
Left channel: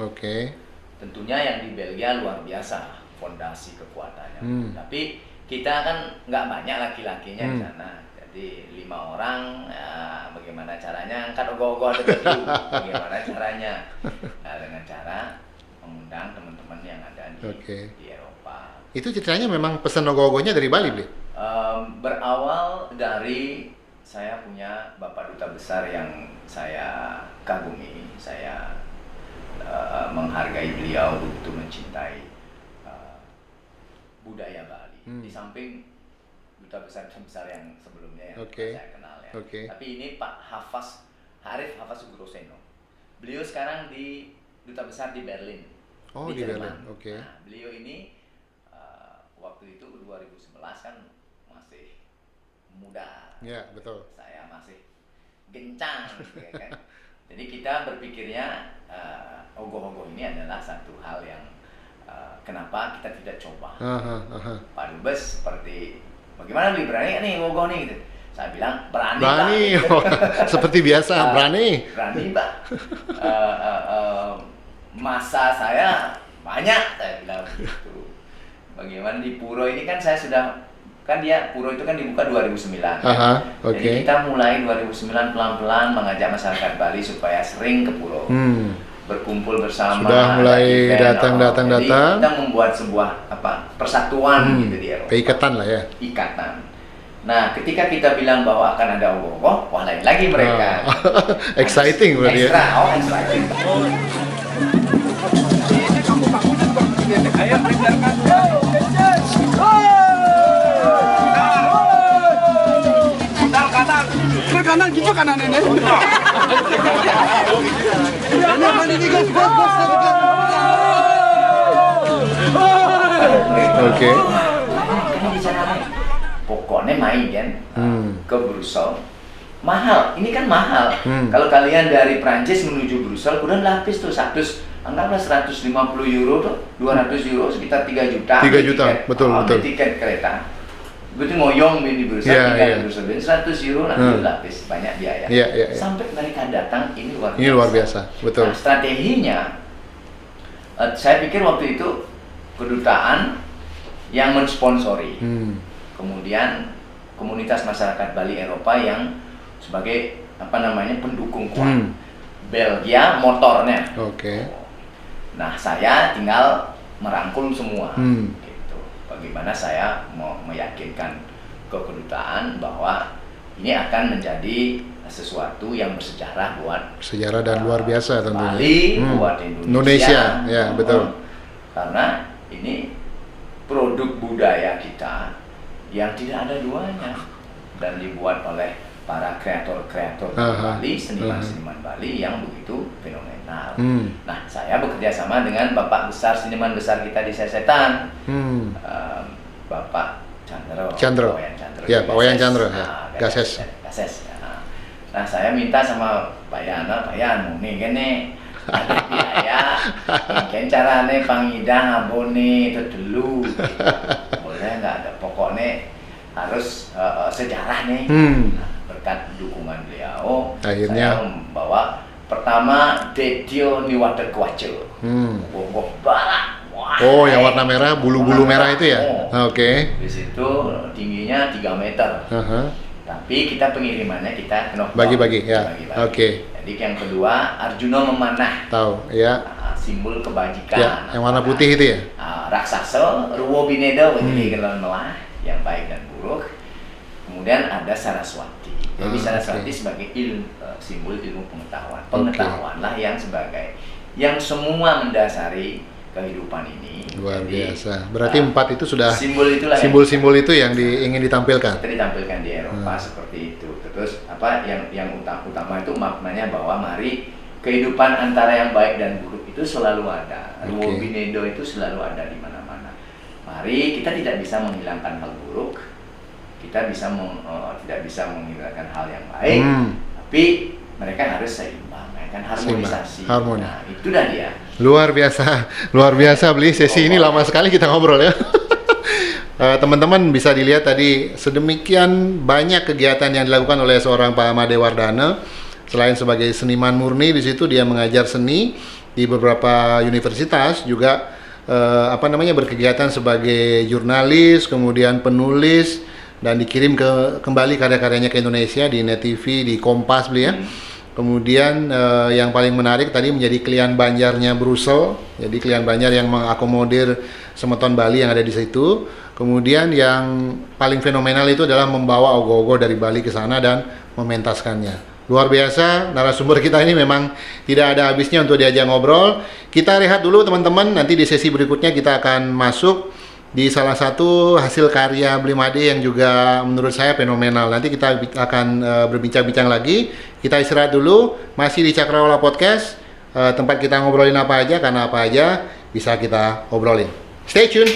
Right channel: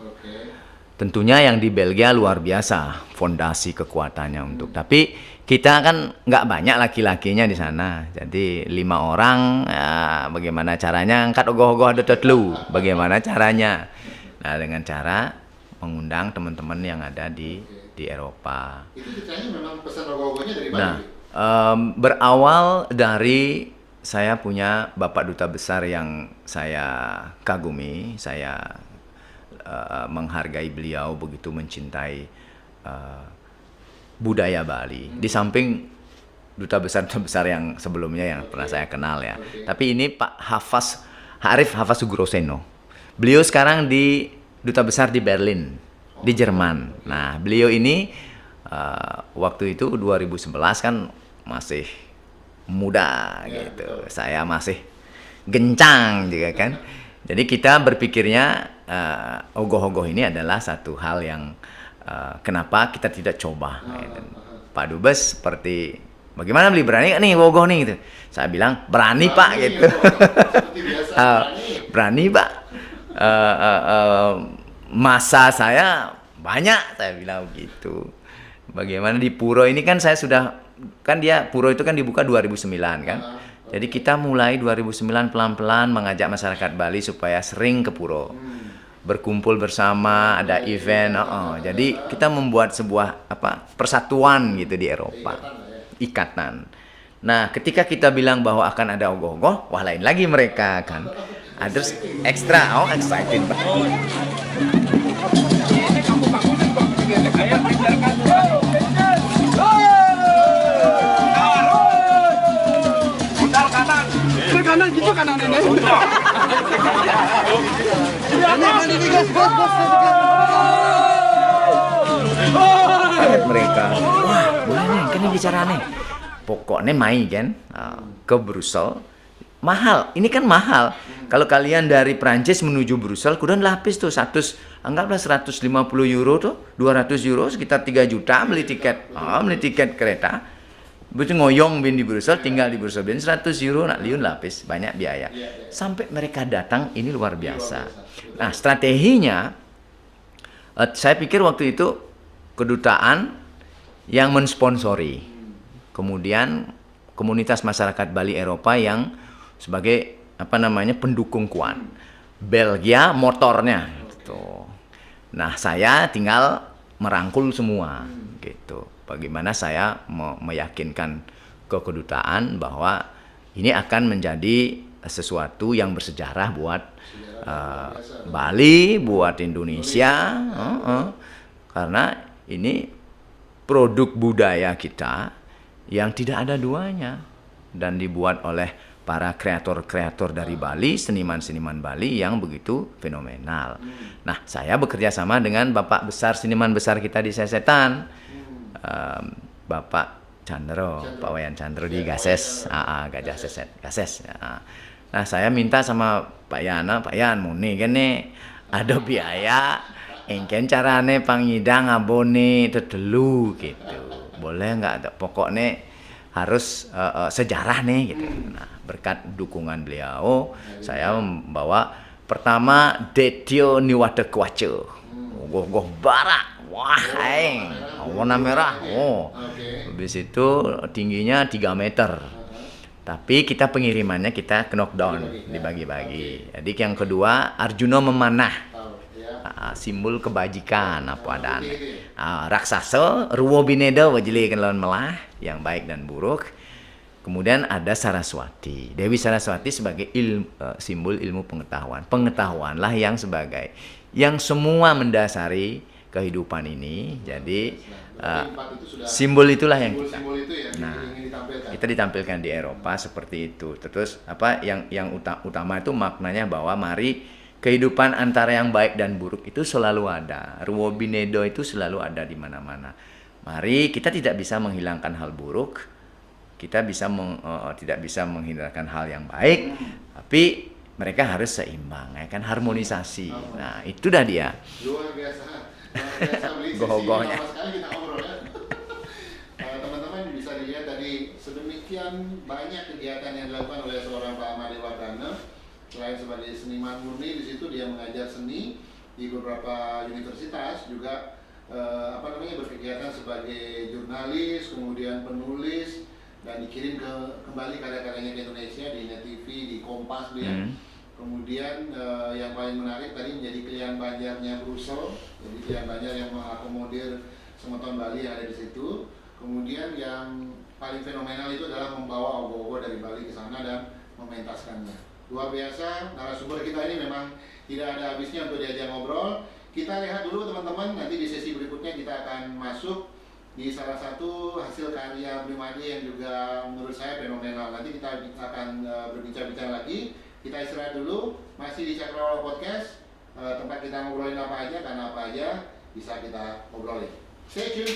Tentunya yang di Belgia luar biasa fondasi kekuatannya untuk. Tapi kita kan nggak banyak laki-lakinya di sana. Jadi 5 orang, ya, bagaimana caranya angkat ogoh-ogoh ada tetlu. Bagaimana caranya? Nah, dengan cara mengundang teman-teman yang ada di Eropa. Itu ceritanya memang pesan ogoh-ogohnya dari Bali, berawal dari saya punya Bapak Duta Besar yang saya kagumi, saya menghargai beliau, begitu mencintai budaya Bali. Di samping duta besar yang sebelumnya yang pernah saya kenal ya. Tapi ini Pak Arif Hafaz Sugroseno. Beliau sekarang di Duta Besar di Berlin, di Jerman. Nah, beliau ini waktu itu 2011 kan masih muda gitu. Saya masih gencang juga kan. Jadi kita berpikirnya ogoh-ogoh ini adalah satu hal yang kenapa kita tidak coba. Pak Dubes seperti bagaimana Bli, berani nggak nih ogoh nih gitu. Saya bilang berani Pak gitu. Seperti biasa, berani Pak. Masa saya banyak, saya bilang gitu. Bagaimana di Puro ini kan saya sudah, kan Puro itu kan dibuka 2009 kan. Jadi kita mulai 2009 pelan-pelan mengajak masyarakat Bali supaya sering ke Puro. Berkumpul bersama, sudah mulai ada event, datang. Jadi kita membuat sebuah persatuan gitu di Eropa. Ikatan lah ya. Ikatan. Nah, ketika kita bilang bahwa akan ada ogoh-ogoh, wah lain lagi mereka. Exciting berarti. Extra, exciting. Ini kamu-kamunya juga begini. Ayo kejarkan. Putar kanan. Ke kanan gitu kanan ini. Kanan ini gas. Oke. Kita bicara nih. Pokoknya main kan ke Brussel. Mahal, ini kan mahal. Kalau kalian dari Prancis menuju Brussel, kudu lapis tuh anggaplah 150 euro tuh, 200 euro sekitar 3 juta. 3 juta, tiket, betul. Tiket kereta. Begitu ngoyong di Brussel, tinggal di Brussel, 100 euro, dia lapis, banyak biaya. Sampai mereka datang, ini luar biasa. Ini luar biasa, betul. Nah, strateginya, saya pikir waktu itu kedutaan yang mensponsori. Kemudian komunitas masyarakat Bali Eropa yang sebagai pendukung kuat. Belgia motornya. Nah, saya tinggal merangkul semua. Gitu. Bagaimana saya mau meyakinkan ke kedutaan bahwa ini akan menjadi sesuatu yang bersejarah buat sejarah dan luar biasa tentunya. Bali, buat Indonesia. Ya, betul. Karena ini produk budaya kita yang tidak ada duanya dan dibuat oleh para kreator-kreator dari Bali, seniman-seniman Bali yang begitu fenomenal. Nah, saya bekerja sama dengan bapak besar, seniman besar kita di Sesetan, Bapak Chandro. Wayan Chandro. Ya, Pak Wayan Chandro. Gases. Nah, saya minta sama Pak Yana, Pak Yan, nih kan nih ada biaya, ikan carane pangidang abone itu dulu. Boleh nggak? Ada pokoknya harus sejarah nih. Nah, berkat dukungan beliau, akhirnya saya membawa pertama Detio Niwada Kwace, Gogok Barak. Wah, yang warna merah, bulu-bulu merah itu ya? Oke. Di situ tingginya 3 meter. Tapi kita pengirimannya kita knockdown. Bagi-bagi, ya. Oke. Jadi yang kedua Arjuna Memanah. Tahu, ya. Simbol kebajikan. Yang warna putih itu ya? Raksasa, Ruwo Binedo, jadi lawan melah, yang baik dan buruk. Kemudian ada Saraswati. Dewi Saraswati sebagai simbol ilmu pengetahuan. Pengetahuanlah yang semua mendasari kehidupan ini. Luar biasa. Berarti 4 itu sudah simbol-simbol itu yang ingin ditampilkan. Kita ditampilkan di Eropa seperti itu. Terus yang utama itu maknanya bahwa mari kehidupan antara yang baik dan buruk itu selalu ada. Ruwo Binedo itu selalu ada di mana-mana. Mari kita tidak bisa menghilangkan hal buruk. Kita tidak bisa menghilangkan hal yang baik, tapi mereka harus seimbang, ya kan, harmonisasi. Nah, itu dah dia. Luar biasa beli sesi ini lama sekali kita ngobrol ya. Teman-teman bisa dilihat tadi sedemikian banyak kegiatan yang dilakukan oleh seorang Pak Made Wardana. Selain sebagai seniman murni, di situ dia mengajar seni di beberapa universitas, juga berkegiatan sebagai jurnalis, kemudian penulis, dan dikirim kembali karya-karyanya ke Indonesia di Net TV, di Kompas beli ya. Kemudian yang paling menarik tadi menjadi klien Banjarnya Brussel, jadi klien Banjar yang mengakomodir semeton Bali yang ada di situ. Kemudian yang paling fenomenal itu adalah membawa ogoh-ogoh dari Bali ke sana dan mementaskannya. Luar biasa, narasumber kita ini memang tidak ada habisnya untuk diajak ngobrol. Kita rehat dulu teman-teman, nanti di sesi berikutnya kita akan masuk di salah satu hasil karya Bli Made yang juga menurut saya fenomenal. Nanti kita akan berbincang-bincang lagi. Kita istirahat dulu, masih di Cakrawala Podcast, tempat kita ngobrolin apa aja, karena apa aja bisa kita obrolin. Stay tune.